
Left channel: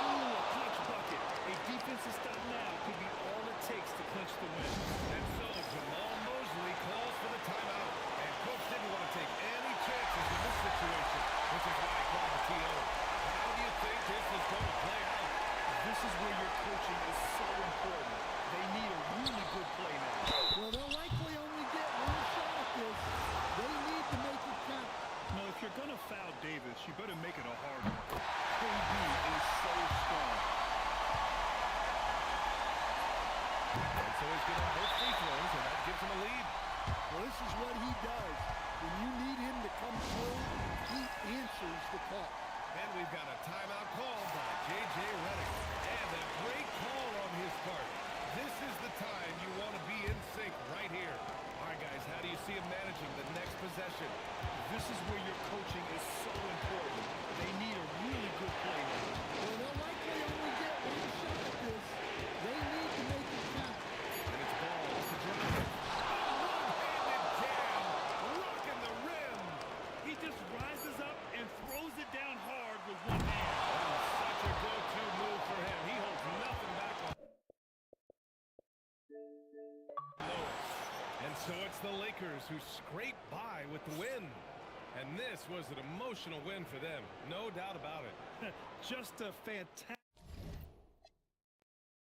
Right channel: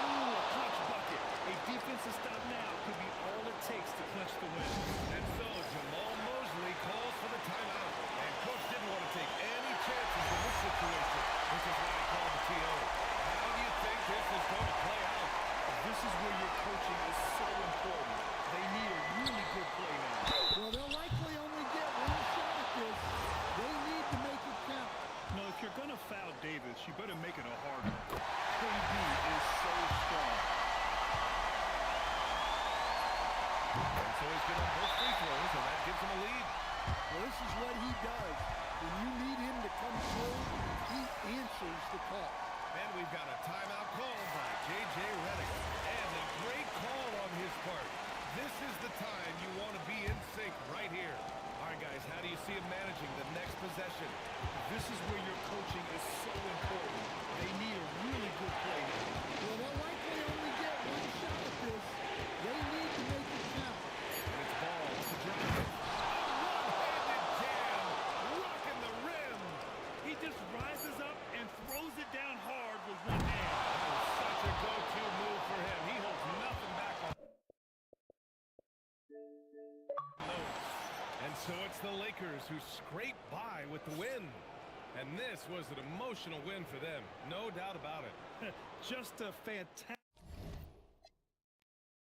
Ooh, a clutch bucket. A defensive stop now could be all it takes to clinch the win. And so Jamal Mosley calls for the timeout. And coach didn't want to take any chances in this situation, which is why he called the TO. How do you think this is going to play out? This is where your coaching is so important. They need a really good play now. Well, they'll likely only get one shot at this. They need to make it count. No, if you're going to foul Davis, you better make it a hard one. KD is so strong. And so he's good on both free throws, and that gives him a lead. Well, this is what he does. When you need him to come through, he answers the call. And we've got a timeout called by J.J. Redick. And a great call on his part. This is the time you want to be in sync right here. All right, guys, how do you see him managing the next possession? This is where your coaching is so important. They need a really good play now. Well, they'll likely only get one shot at this. They need to make it count. And it's ball off the drive. A one-handed jam, rocking the rim. He just rises up and throws it down hard with one hand. That was such a go-to move for him. He holds nothing back on. No. And so it's the Lakers who scrape by with the win. And this was an emotional win for them. No doubt about it. Just a fantastic